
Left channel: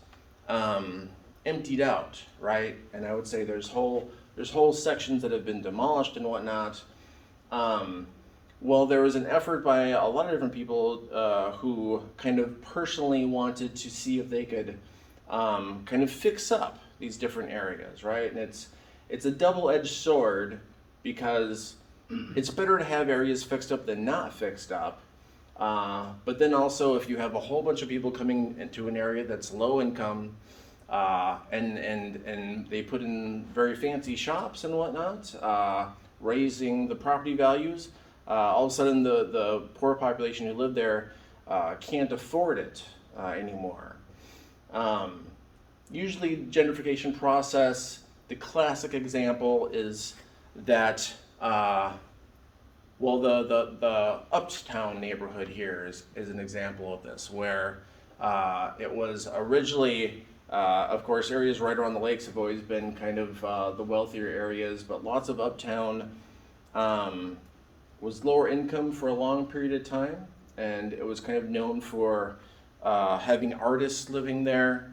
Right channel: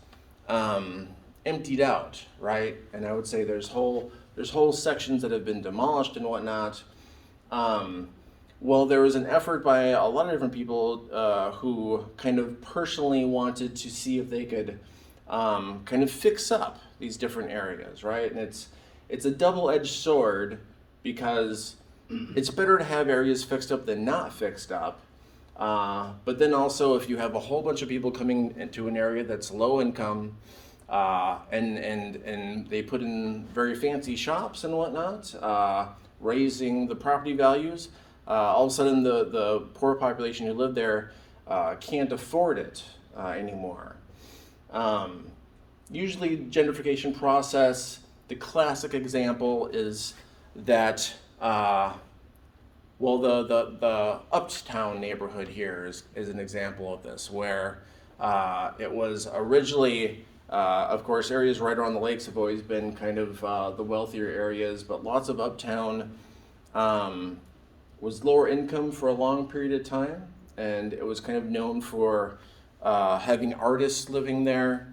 emptied out, right? And I would say there's whole sections that have been demolished and whatnot. Well, there was an effort by a lot of different people who kind of personally wanted to see if they could kind of fix up these different areas, right? And it's a double-edged sword because it's better to have areas fixed up than not fixed up. But then also, if you have a whole bunch of people coming into an area that's low income, and they put in very fancy shops and whatnot, raising the property values, all of a sudden the poor population who live there can't afford it anymore. usually gentrification process, the classic example is that, well, the uptown neighborhood here is an example of this, where it was originally, of course, areas right around the lakes have always been kind of the wealthier areas, but lots of uptown was lower income for a long period of time, and it was kind of known for having artists living there.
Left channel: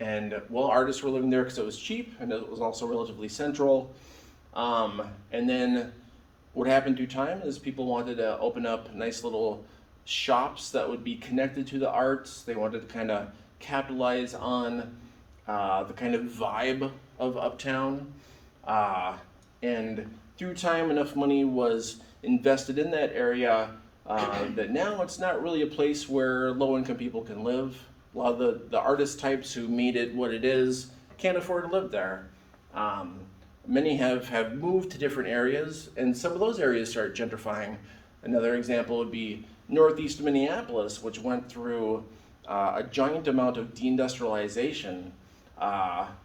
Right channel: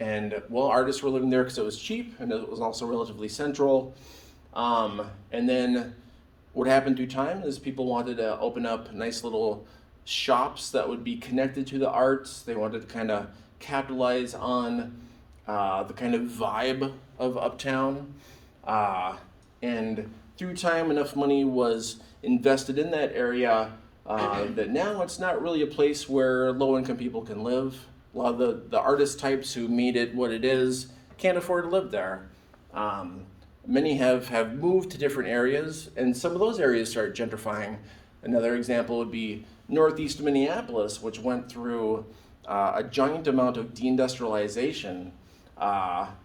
And well, artists were living there because it was cheap and it was also relatively central. And then what happened through time is people wanted to open up nice little shops that would be connected to the arts. They wanted to kind of capitalize on the kind of vibe of uptown. And through time, enough money was invested in that area that now it's not really a place where low-income people can live. A lot of the artist types who made it what it is can't afford to live there. Many have moved to different areas, and some of those areas start gentrifying. Another example would be northeast Minneapolis, which went through a giant amount of deindustrialization.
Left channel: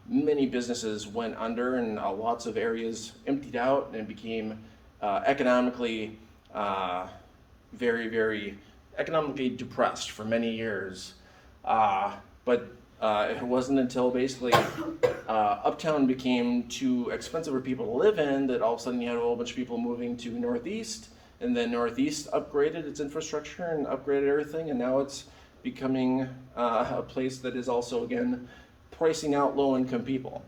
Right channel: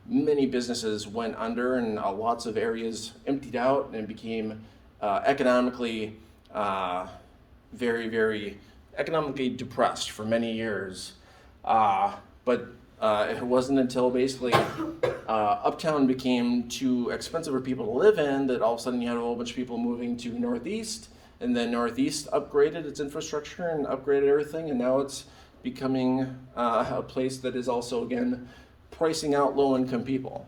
Many businesses went under, and lots of areas emptied out and became economically very, very economically depressed for many years. But it wasn't until basically uptown became too expensive for people to live in that all of a sudden you had a whole bunch of people moving to northeast, and then northeast upgraded its infrastructure and upgraded everything, and now it's becoming a place that is also, again, pricing out low-income people.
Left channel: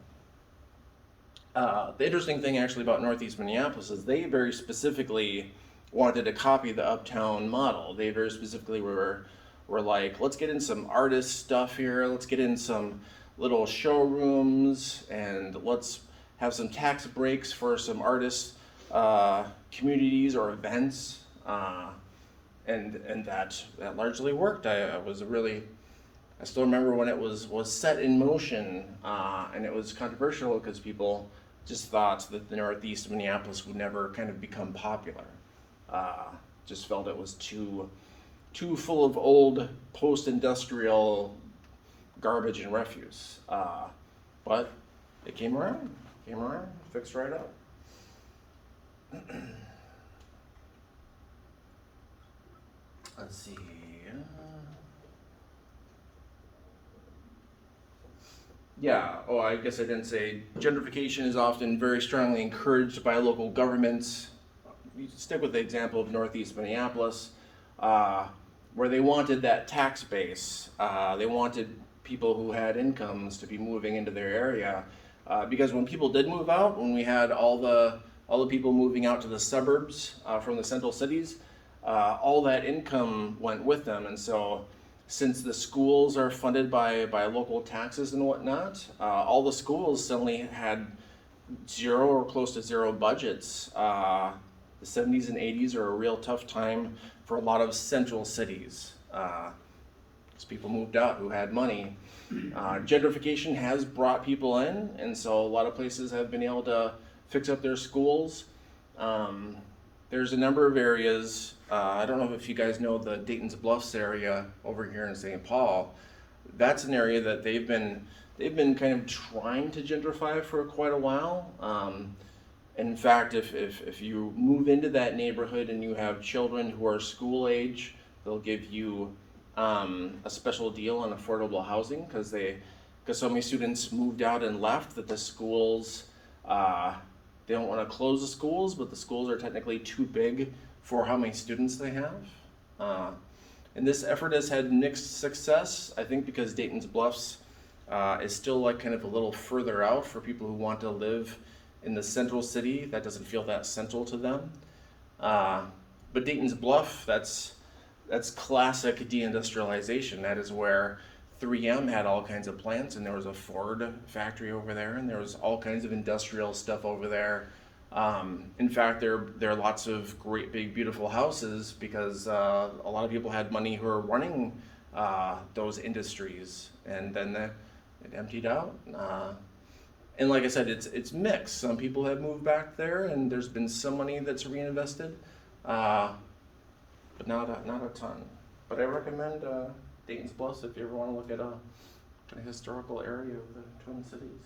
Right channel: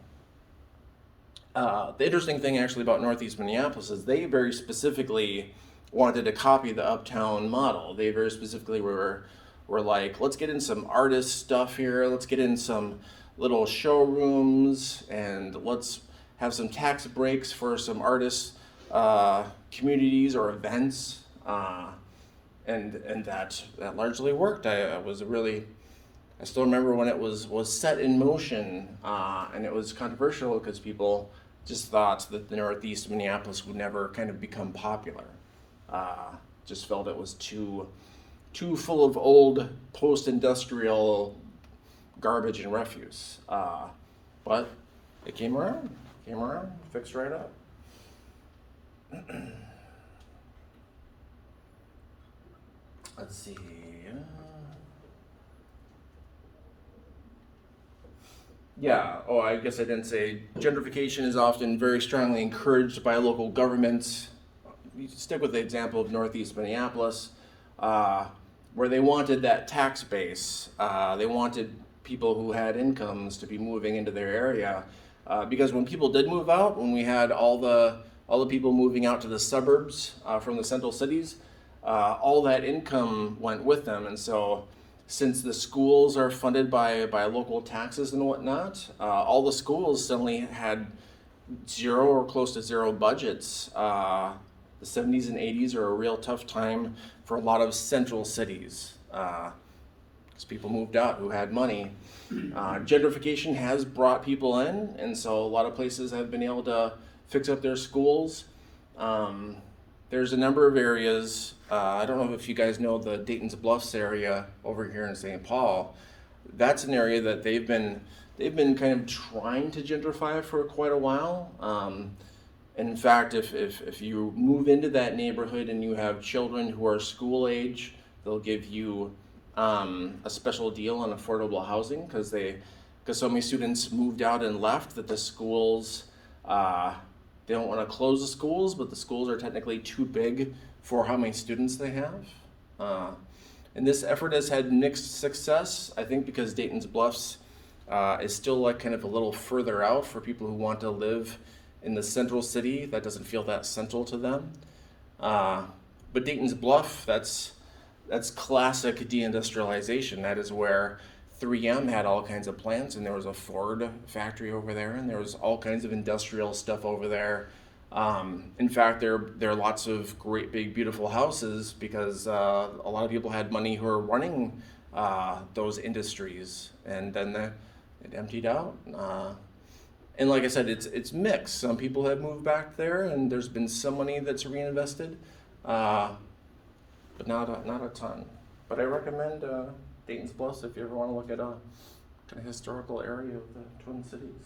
The interesting thing actually about northeast Minneapolis is they very specifically wanted to copy the uptown model. They very specifically were like, let's get in some artist stuff here, let's get in some little showrooms, and let's have some tax breaks for some artist communities or events. And that largely worked. I still remember when it was set in motion, and it was controversial because people just thought that the northeast Minneapolis would never kind of become popular. Just felt it was too full of old post-industrial garbage and refuse. But it came around, fixed right up. Let's see. Yeah, oh, I guess I didn't say gentrification is often very strongly encouraged by local governments. You stick with the example of northeast Minneapolis, where they wanted that tax base. They wanted people who had incomes to be moving into their area, because when people did move out, when we had all the people moving out to the suburbs from the central cities, all that income went with them, and so since the schools are funded by local taxes and whatnot, all the schools suddenly had zero or close to zero budgets. The 70s and 80s are a real tough time for a lot of central cities, because people moved out who had money. Gentrification has brought people in, and so a lot of places have been able to fix up their schools. There's a number of areas. I don't know if you guys know the Dayton's Bluffs area over here in St. Paul. That's an area that they've been kind of trying to gentrify for quite a while. In fact, if you move into that neighborhood and you have children who are school age, they'll give you a special deal on affordable housing because so many students moved out and left that the schools. They don't want to close the schools, but the schools are technically too big for how many students they have. And this effort has had mixed success, I think, because Dayton's Bluffs is still like kind of a little further out for people who want to live in the central city. That doesn't feel that central to them. But Dayton's Bluff, that's classic deindustrialization. That is where 3M had all kinds of plants, and there was a Ford factory over there, and there was all kinds of industrial stuff over there. In fact, there are lots of great, big, beautiful houses because a lot of people had money who were running those industries, and then it emptied out. And like I said, it's mixed. Some people have moved back there, and there's been some money that's reinvested, but not a ton. But I recommend Dayton's Bluffs if you ever want to look it up. kind of historical area of the Twin Cities.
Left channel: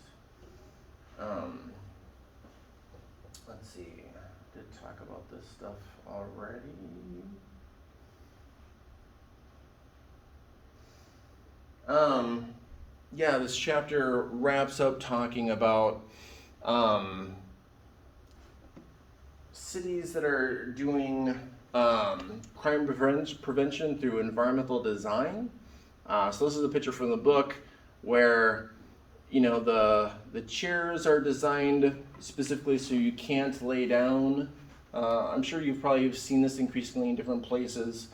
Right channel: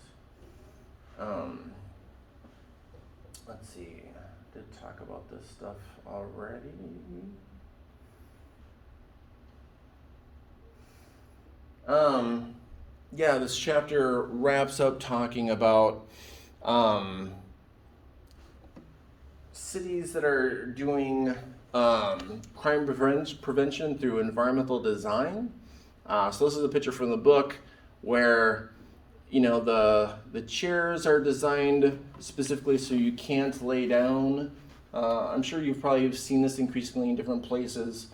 Let's see, I did talk about this stuff already. Yeah, this chapter wraps up talking about cities that are doing crime prevention through environmental design. So this is a picture from the book where the chairs are designed specifically so you can't lay down. I'm sure you've probably seen this increasingly in different places.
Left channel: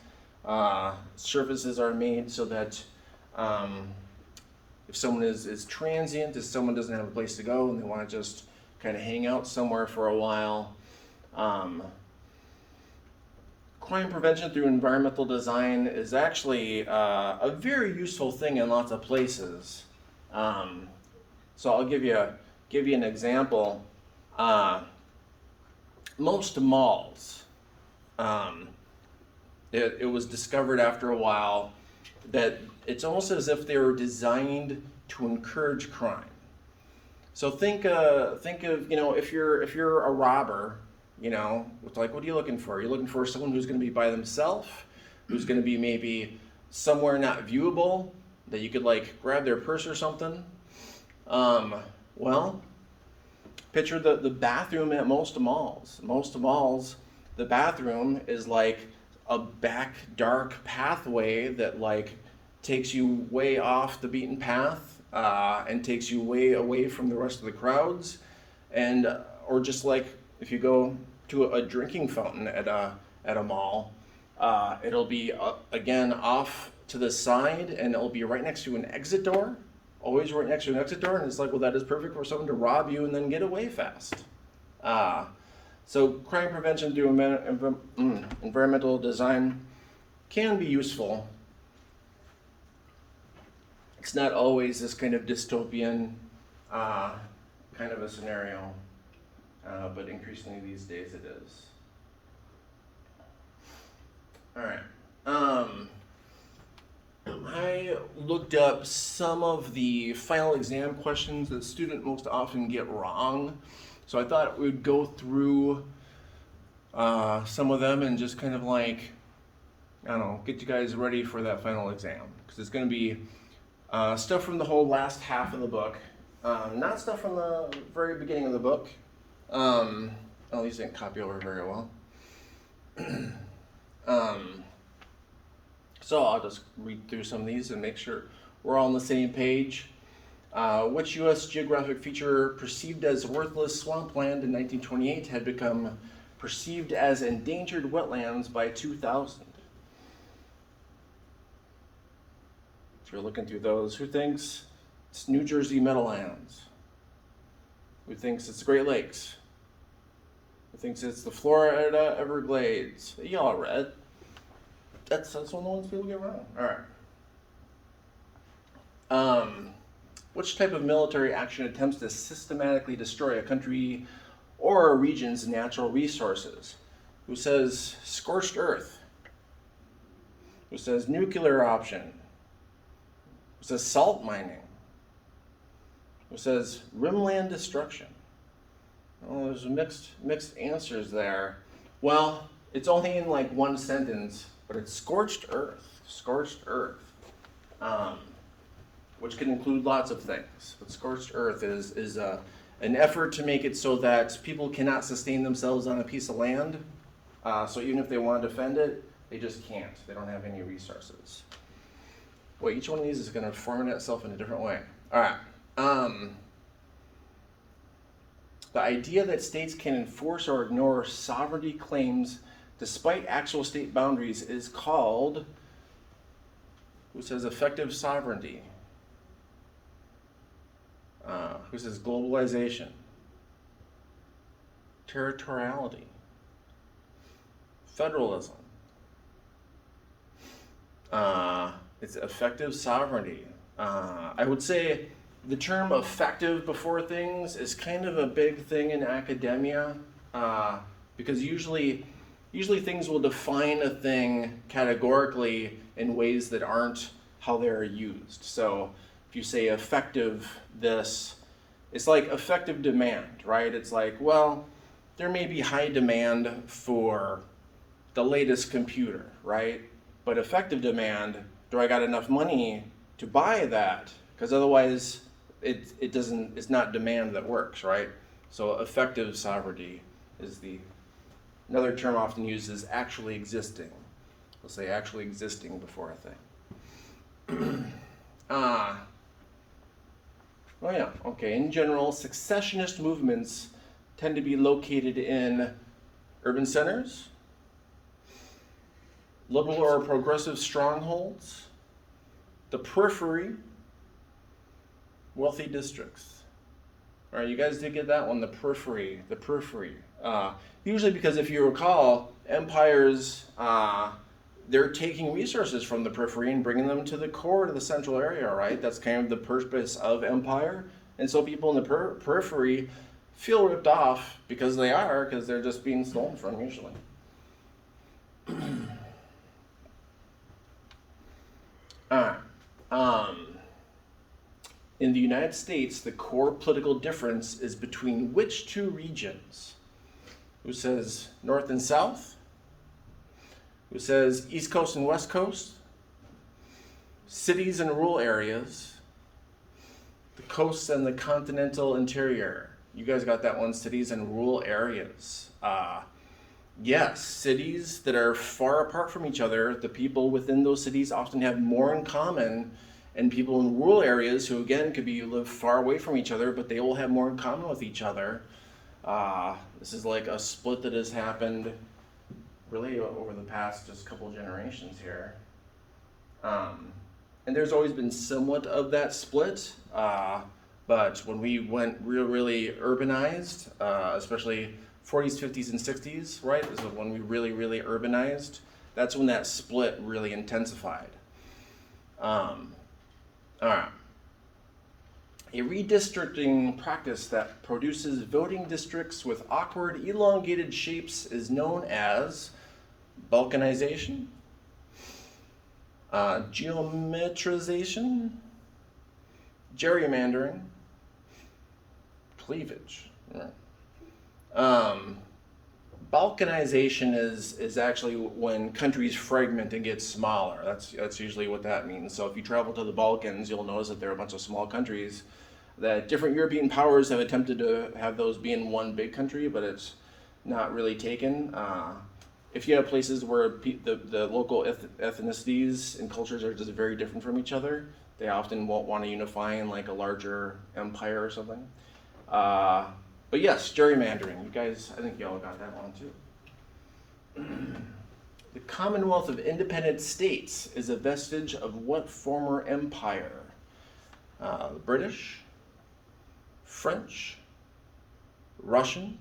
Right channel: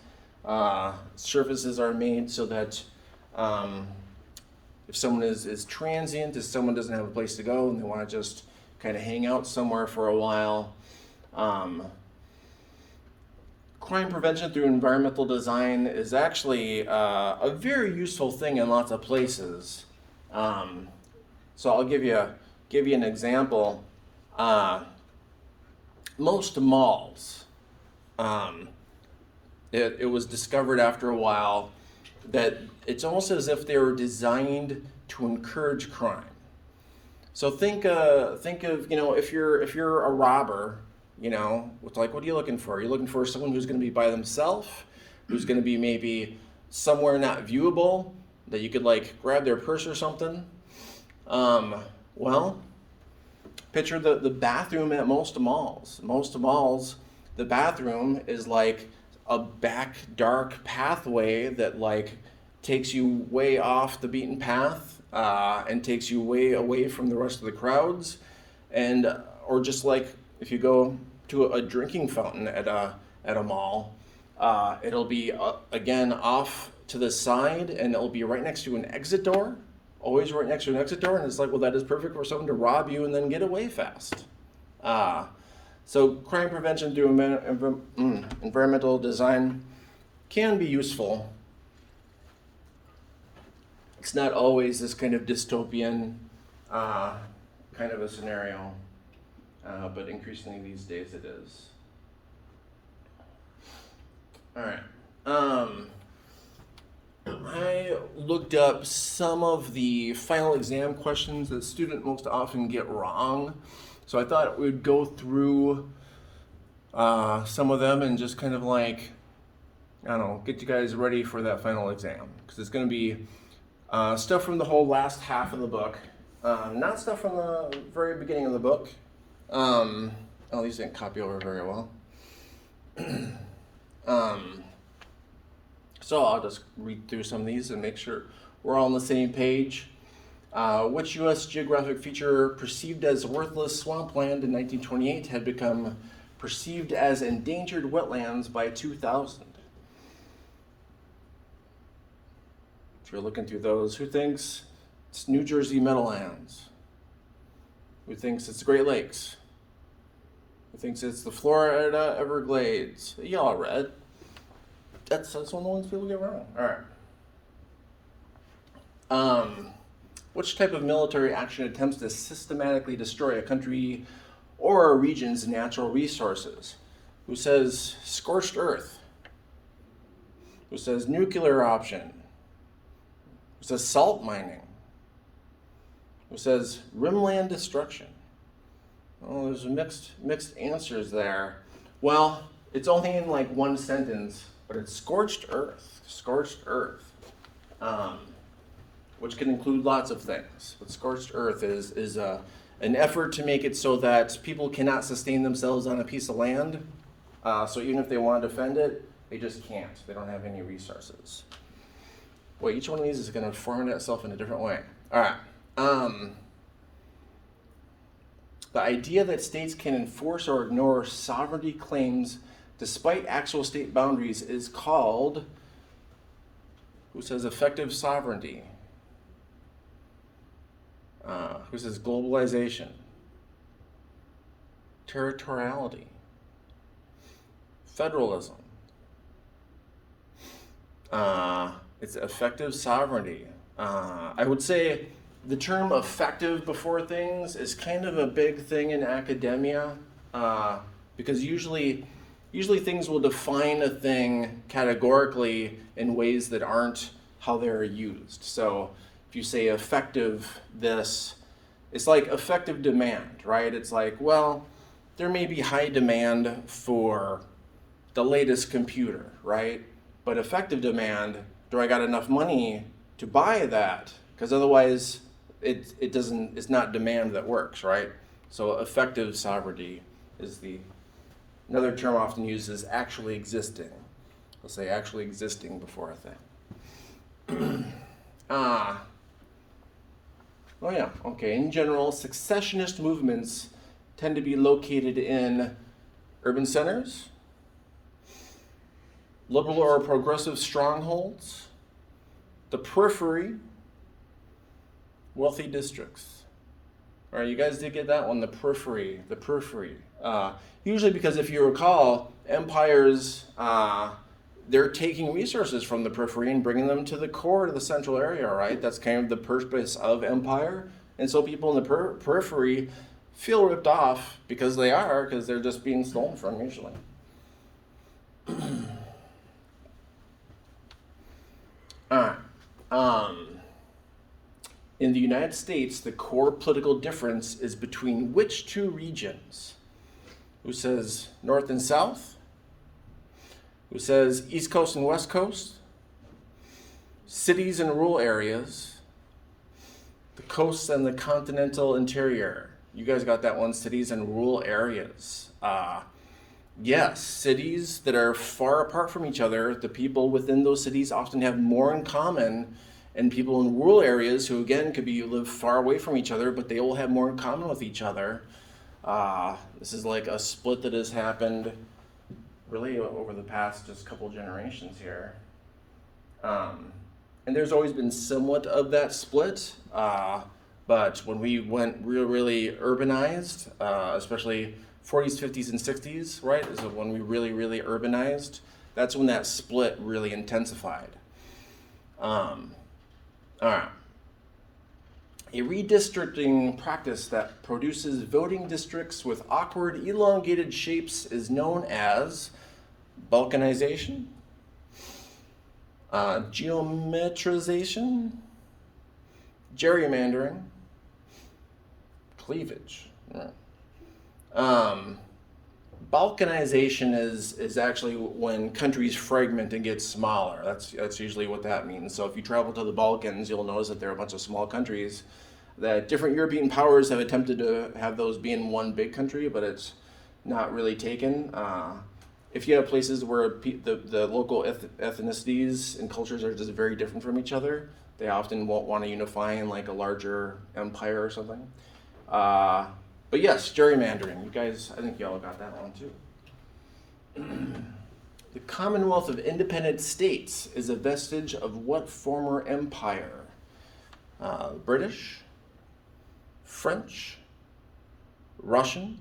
Surfaces are made so that if someone is transient, if someone doesn't have a place to go and they want to just kind of hang out somewhere for a while. Crime prevention through environmental design is actually a very useful thing in lots of places. So I'll give you an example. Most malls, it was discovered after a while that it's almost as if they were designed to encourage crime. So think of if you're a robber, it's like, what are you looking for? You're looking for someone who's going to be by themselves, who's going to be maybe somewhere not viewable, that you could like grab their purse or something. Well, picture the bathroom at most malls. Most malls, the bathroom is like a back dark pathway that like takes you way off the beaten path and takes you way away from the rest of the crowds, or just like if you go to a drinking fountain at a mall, it'll be again off to the side, and it'll be right next to an exit door. Always right next to an exit door, and it's like, well, that is perfect for someone to rob you and then get away fast. So crime prevention through environmental design can be useful. It's not always this kind of dystopian kind of a scenario, but increasingly these days it is. All right. I looked up some of the final exam questions that students most often get wrong. So I thought we'd go through some of them and just kind of like, I don't know, get you guys ready for that final exam. Because it's going to be stuff from the whole last half of the book, not stuff from the very beginning of the book. At least I didn't copy over very well. So I'll just read through some of these and make sure we're all on the same page. Which U.S. geographic feature perceived as worthless swampland in 1928 had become perceived as endangered wetlands by 2000? So we're looking through those. Who thinks it's New Jersey Meadowlands? Who thinks it's the Great Lakes? Who thinks it's the Florida Everglades? Y'all read. That's one of the ones people get wrong. All right. Which type of military action attempts to systematically destroy a country or a region's natural resources? Who says scorched earth? Who says nuclear option? Who says salt mining? Who says rimland destruction? Oh, there's mixed answers there. Well, it's only in like one sentence, but it's scorched earth. Scorched earth. Which can include lots of things. But scorched earth is an effort to make it so that people cannot sustain themselves on a piece of land. So even if they want to defend it, they just can't. They don't have any resources. Well, each one of these is going to format itself in a different way. All right. The idea that states can enforce or ignore sovereignty claims despite actual state boundaries is called, who says effective sovereignty? Who says globalization? Territoriality? Federalism? It's effective sovereignty. I would say the term effective before things is kind of a big thing in academia, because usually things will define a thing categorically in ways that aren't how they're used. So if if you say effective this, it's like effective demand, right? It's like, well, there may be high demand for the latest computer, right? But effective demand, do I got enough money to buy that? Because otherwise it doesn't, it's not demand that works, right? So effective sovereignty is another term often used is actually existing. Let's say actually existing before a thing. Oh yeah, okay. In general, successionist movements tend to be located in urban centers, liberal or progressive strongholds, the periphery, wealthy districts. All right, you guys did get that one, the periphery, the periphery. Usually because if you recall, empires, they're taking resources from the periphery and bringing them to the core of the central area, right? That's kind of the purpose of empire. And so people in the periphery feel ripped off because they're just being stolen from usually. All right. In the United States, the core political difference is between which two regions? Who says North and South? Who says East Coast and West Coast? Cities and rural areas? The coasts and the continental interior? You guys got that one, cities and rural areas. Yes, cities that are far apart from each other, the people within those cities often have more in common, and people in rural areas who again could live far away from each other, but they all have more in common with each other. This is like a split that has happened really over the past just couple generations here. And there's always been somewhat of that split, but when we went really urbanized, especially 40s, 50s, and 60s, right, is when we really urbanized. That's when that split really intensified. All right. A redistricting practice that produces voting districts with awkward, elongated shapes is known as balkanization, geometrization, gerrymandering, cleavage. Right. Balkanization is actually when countries fragment and get smaller. That's usually what that means. So if you travel to the Balkans, you'll notice that there are a bunch of small countries that different European powers have attempted to have those be in one big country, but it's not really taken. If you have places where the local ethnicities and cultures are just very different from each other, they often won't want to unify in like a larger empire or something. But yes, gerrymandering. You guys, I think y'all got that one too. The Commonwealth of Independent States is a vestige of what former empire? British, French, Russian,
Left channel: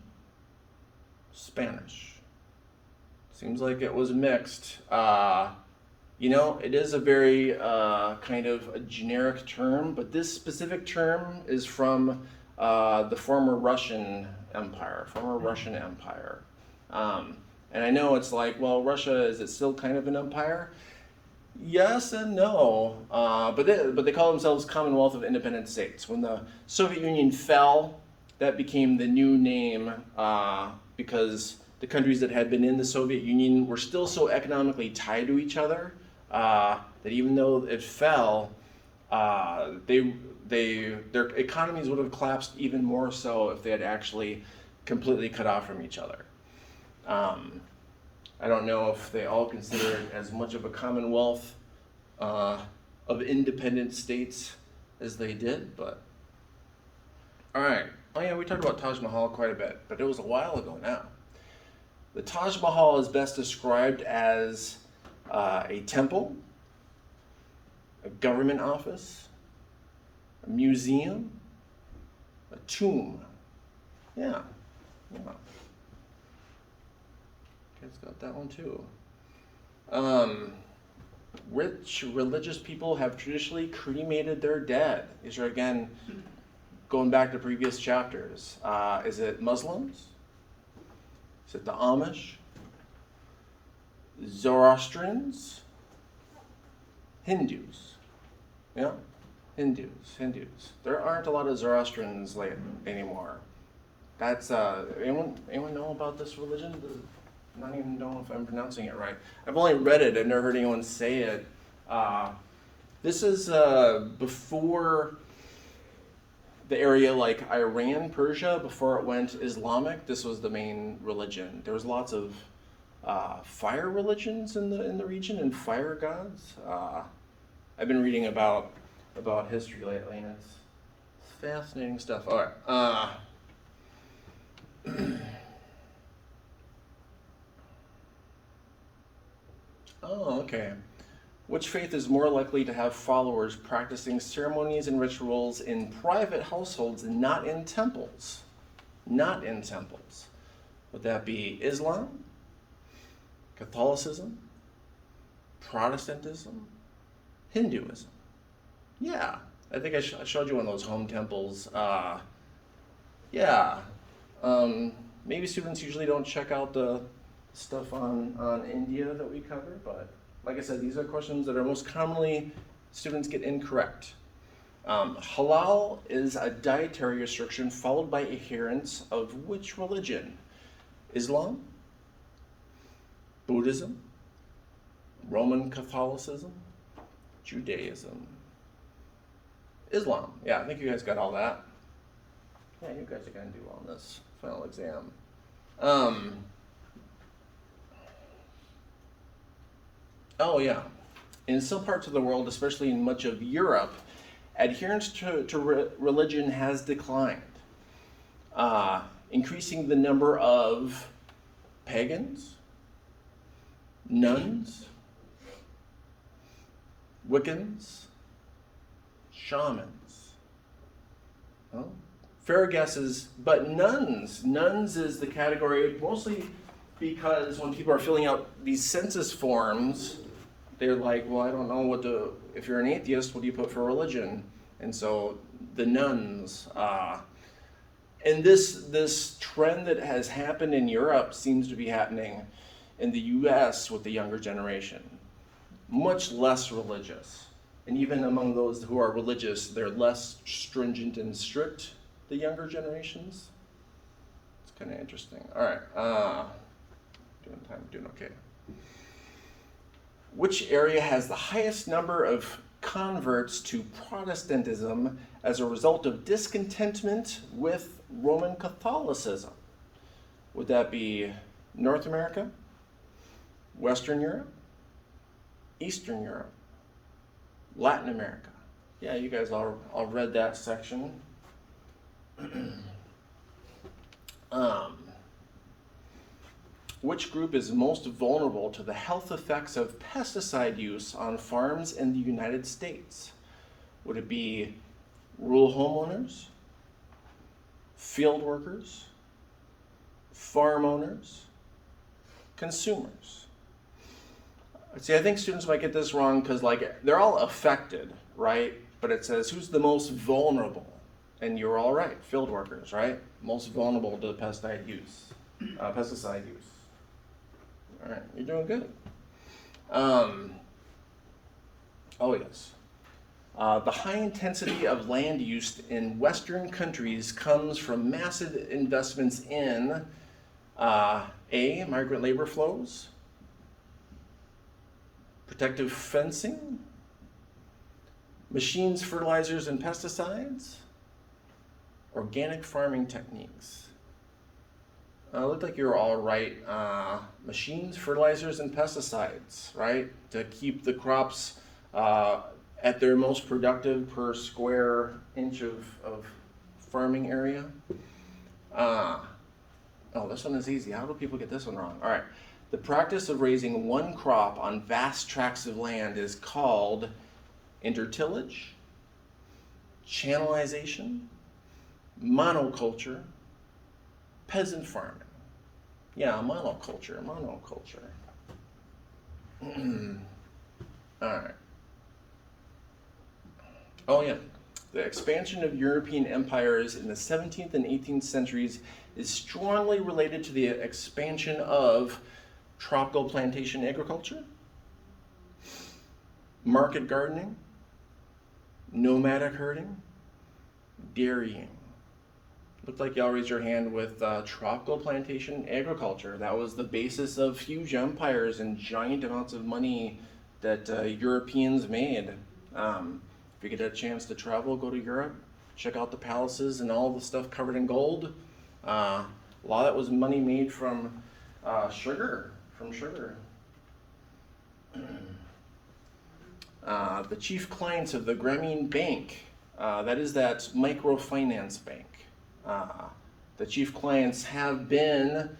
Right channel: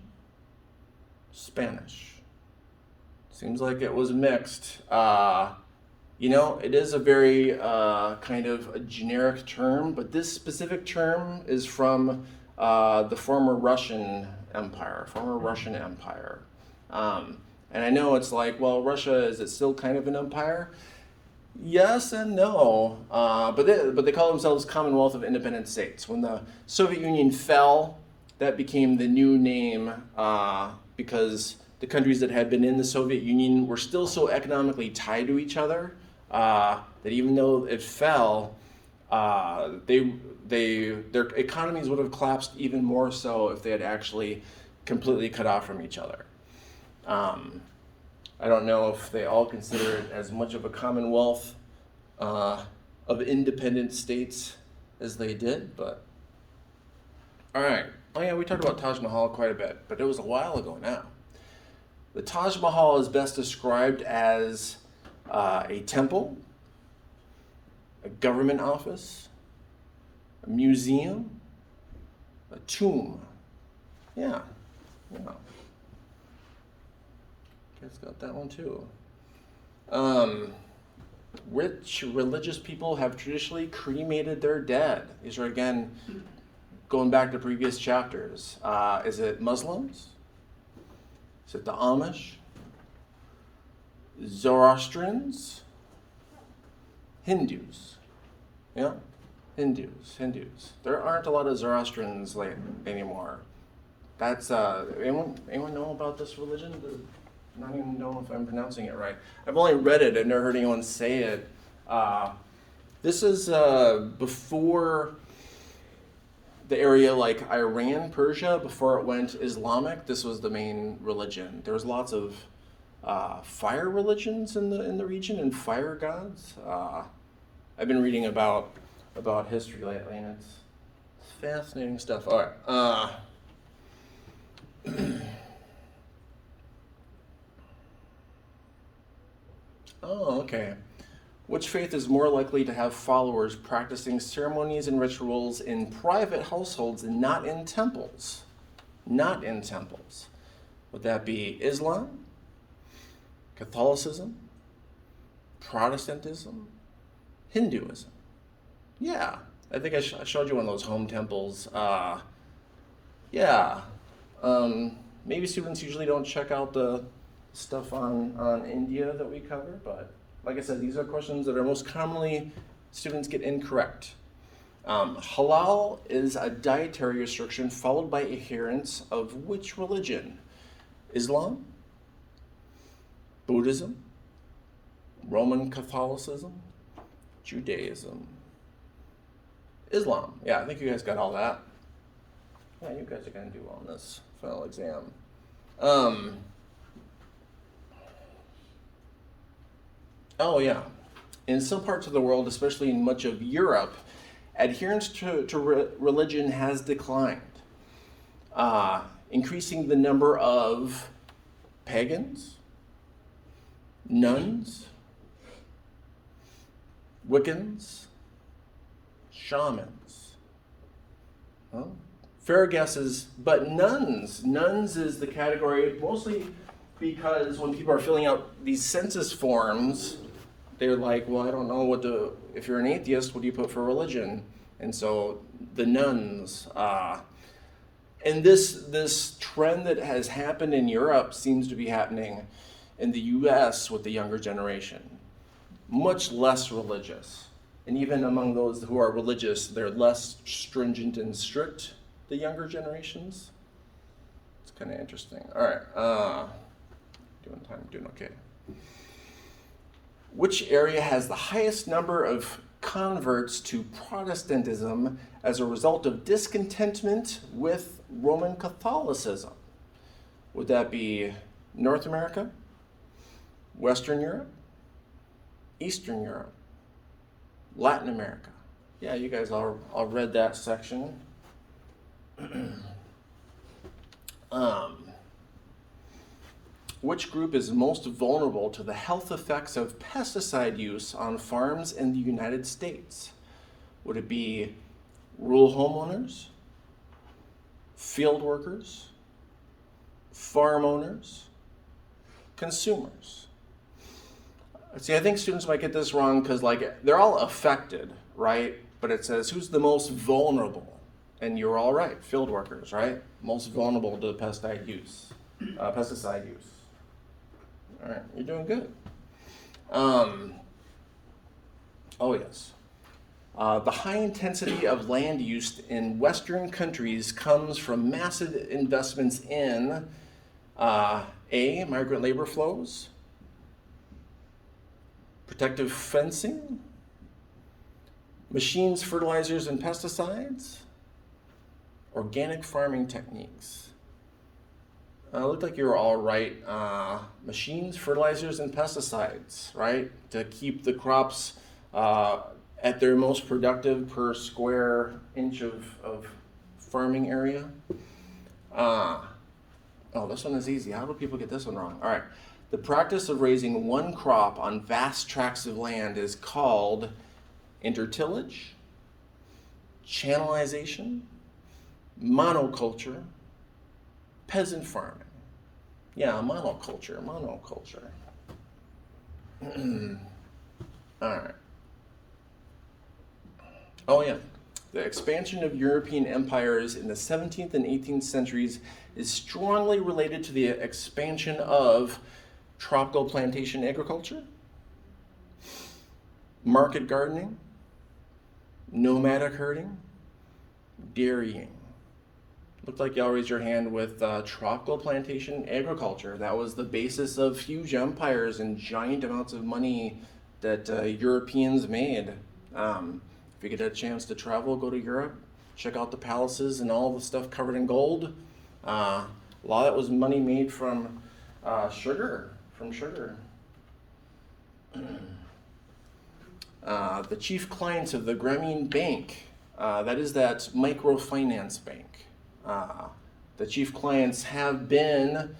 Spanish. Seems like it was mixed. It is a very kind of a generic term, but this specific term is from the former Russian Empire. And I know it's like, well, Russia, is it still kind of an empire? Yes and no, but they call themselves Commonwealth of Independent States. When the Soviet Union fell, that became the new name because the countries that had been in the Soviet Union were still so economically tied to each other that even though it fell, their economies would have collapsed even more so if they had actually completely cut off from each other. I don't know if they all consider it as much of a commonwealth of independent states as they did, but all right. Oh yeah, we talked about Taj Mahal quite a bit, but it was a while ago now. The Taj Mahal is best described as a temple, a government office, a museum, a tomb. Yeah. Guys got that one too. Which religious people have traditionally cremated their dead? These are again going back to previous chapters. Is it Muslims? Is it the Amish? Zoroastrians? Hindus? Yeah. Hindus. There aren't a lot of Zoroastrians anymore. That's anyone know about this religion? Not even know if I'm pronouncing it right. I've only read it. I've never heard anyone say it. This is before the area like Iran, Persia, before it went Islamic. This was the main religion. There was lots of fire religions in the region and fire gods. I've been reading about history lately, and it's fascinating stuff. All right. Oh, okay. Which faith is more likely to have followers practicing ceremonies and rituals in private households and not in temples? Not in temples. Would that be Islam, Catholicism, Protestantism, Hinduism? Yeah, I think I showed you one of those home temples. Yeah. Maybe students usually don't check out the stuff on India that we cover, but like I said, these are questions that are most commonly students get incorrect. Halal is a dietary restriction followed by adherents of which religion? Islam, Buddhism, Roman Catholicism, Judaism, Islam. Yeah, I think you guys got all that. Yeah, you guys are going to do well on this final exam. Oh, yeah. In some parts of the world, especially in much of Europe, adherence to religion has declined, increasing the number of pagans, nuns, Wiccans, shamans. Well, fair guesses, but nuns. Nuns is the category mostly because when people are filling out these census forms, they're like, well, I don't know if you're an atheist, what do you put for religion? And so the nuns. And this trend that has happened in Europe seems to be happening in the US with the younger generation. Much less religious. And even among those who are religious, they're less stringent and strict, the younger generations. It's kind of interesting. All right. Doing okay. Which area has the highest number of converts to Protestantism as a result of discontentment with Roman Catholicism? Would that be North America, Western Europe, Eastern Europe, Latin America? Yeah, you guys all read that section. Which group is most vulnerable to the health effects of pesticide use on farms in the United States? Would it be rural homeowners, field workers, farm owners, consumers? See, I think students might get this wrong because they're all affected, right? But it says who's the most vulnerable? And you're all right, field workers, right? Most vulnerable to pesticide use. All right, you're doing good. Oh yes. The high intensity of land use in Western countries comes from massive investments in migrant labor flows, protective fencing, machines, fertilizers, and pesticides, organic farming techniques. Looked like you were all right. Machines, fertilizers, and pesticides, right? To keep the crops at their most productive per square inch of farming area. This one is easy. How do people get this one wrong? All right. The practice of raising one crop on vast tracts of land is called intertillage, channelization, monoculture, peasant farming. Yeah, monoculture. All right. Oh yeah, the expansion of European empires in the 17th and 18th centuries is strongly related to the expansion of tropical plantation agriculture, market gardening, nomadic herding, dairying. Looked like y'all raised your hand with tropical plantation agriculture. That was the basis of huge empires and giant amounts of money that Europeans made. If you get a chance to travel, go to Europe, check out the palaces and all the stuff covered in gold. A lot of that was money made from sugar. The chief clients of the Grameen Bank, that is that microfinance bank. The chief clients have been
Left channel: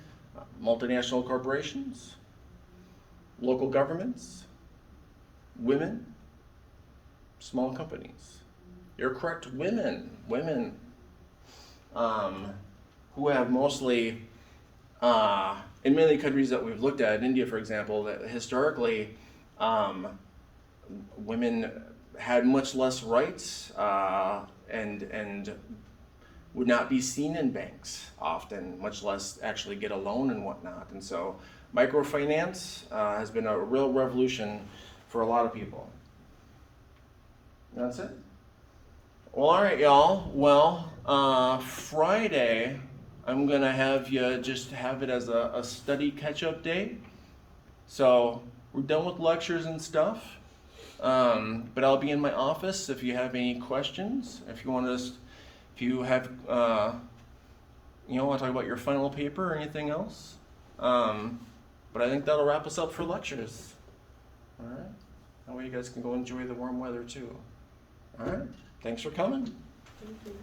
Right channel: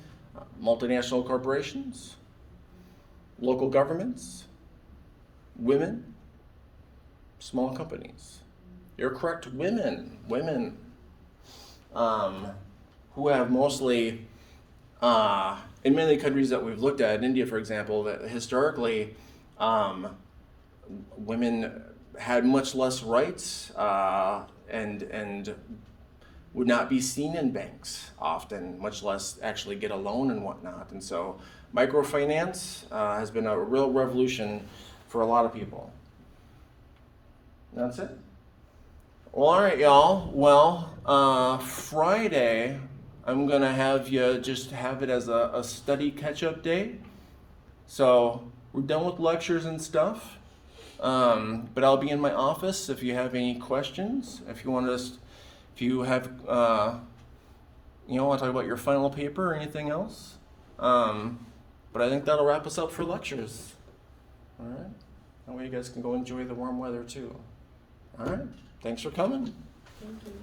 multinational corporations, local governments, women, small companies. You're correct, women, who have mostly, in many countries that we've looked at, India for example, that historically women had much less rights and would not be seen in banks often, much less actually get a loan and whatnot. And so microfinance has been a real revolution for a lot of people. That's it. Well, all right, y'all. Well, Friday, I'm gonna have you just have it as a study catch-up day. So we're done with lectures and stuff. But I'll be in my office if you have any questions. If you want to want to talk about your final paper or anything else. But I think that'll wrap us up for lectures. All right. That way you guys can go enjoy the warm weather too. All right. Thanks for coming. Thank you.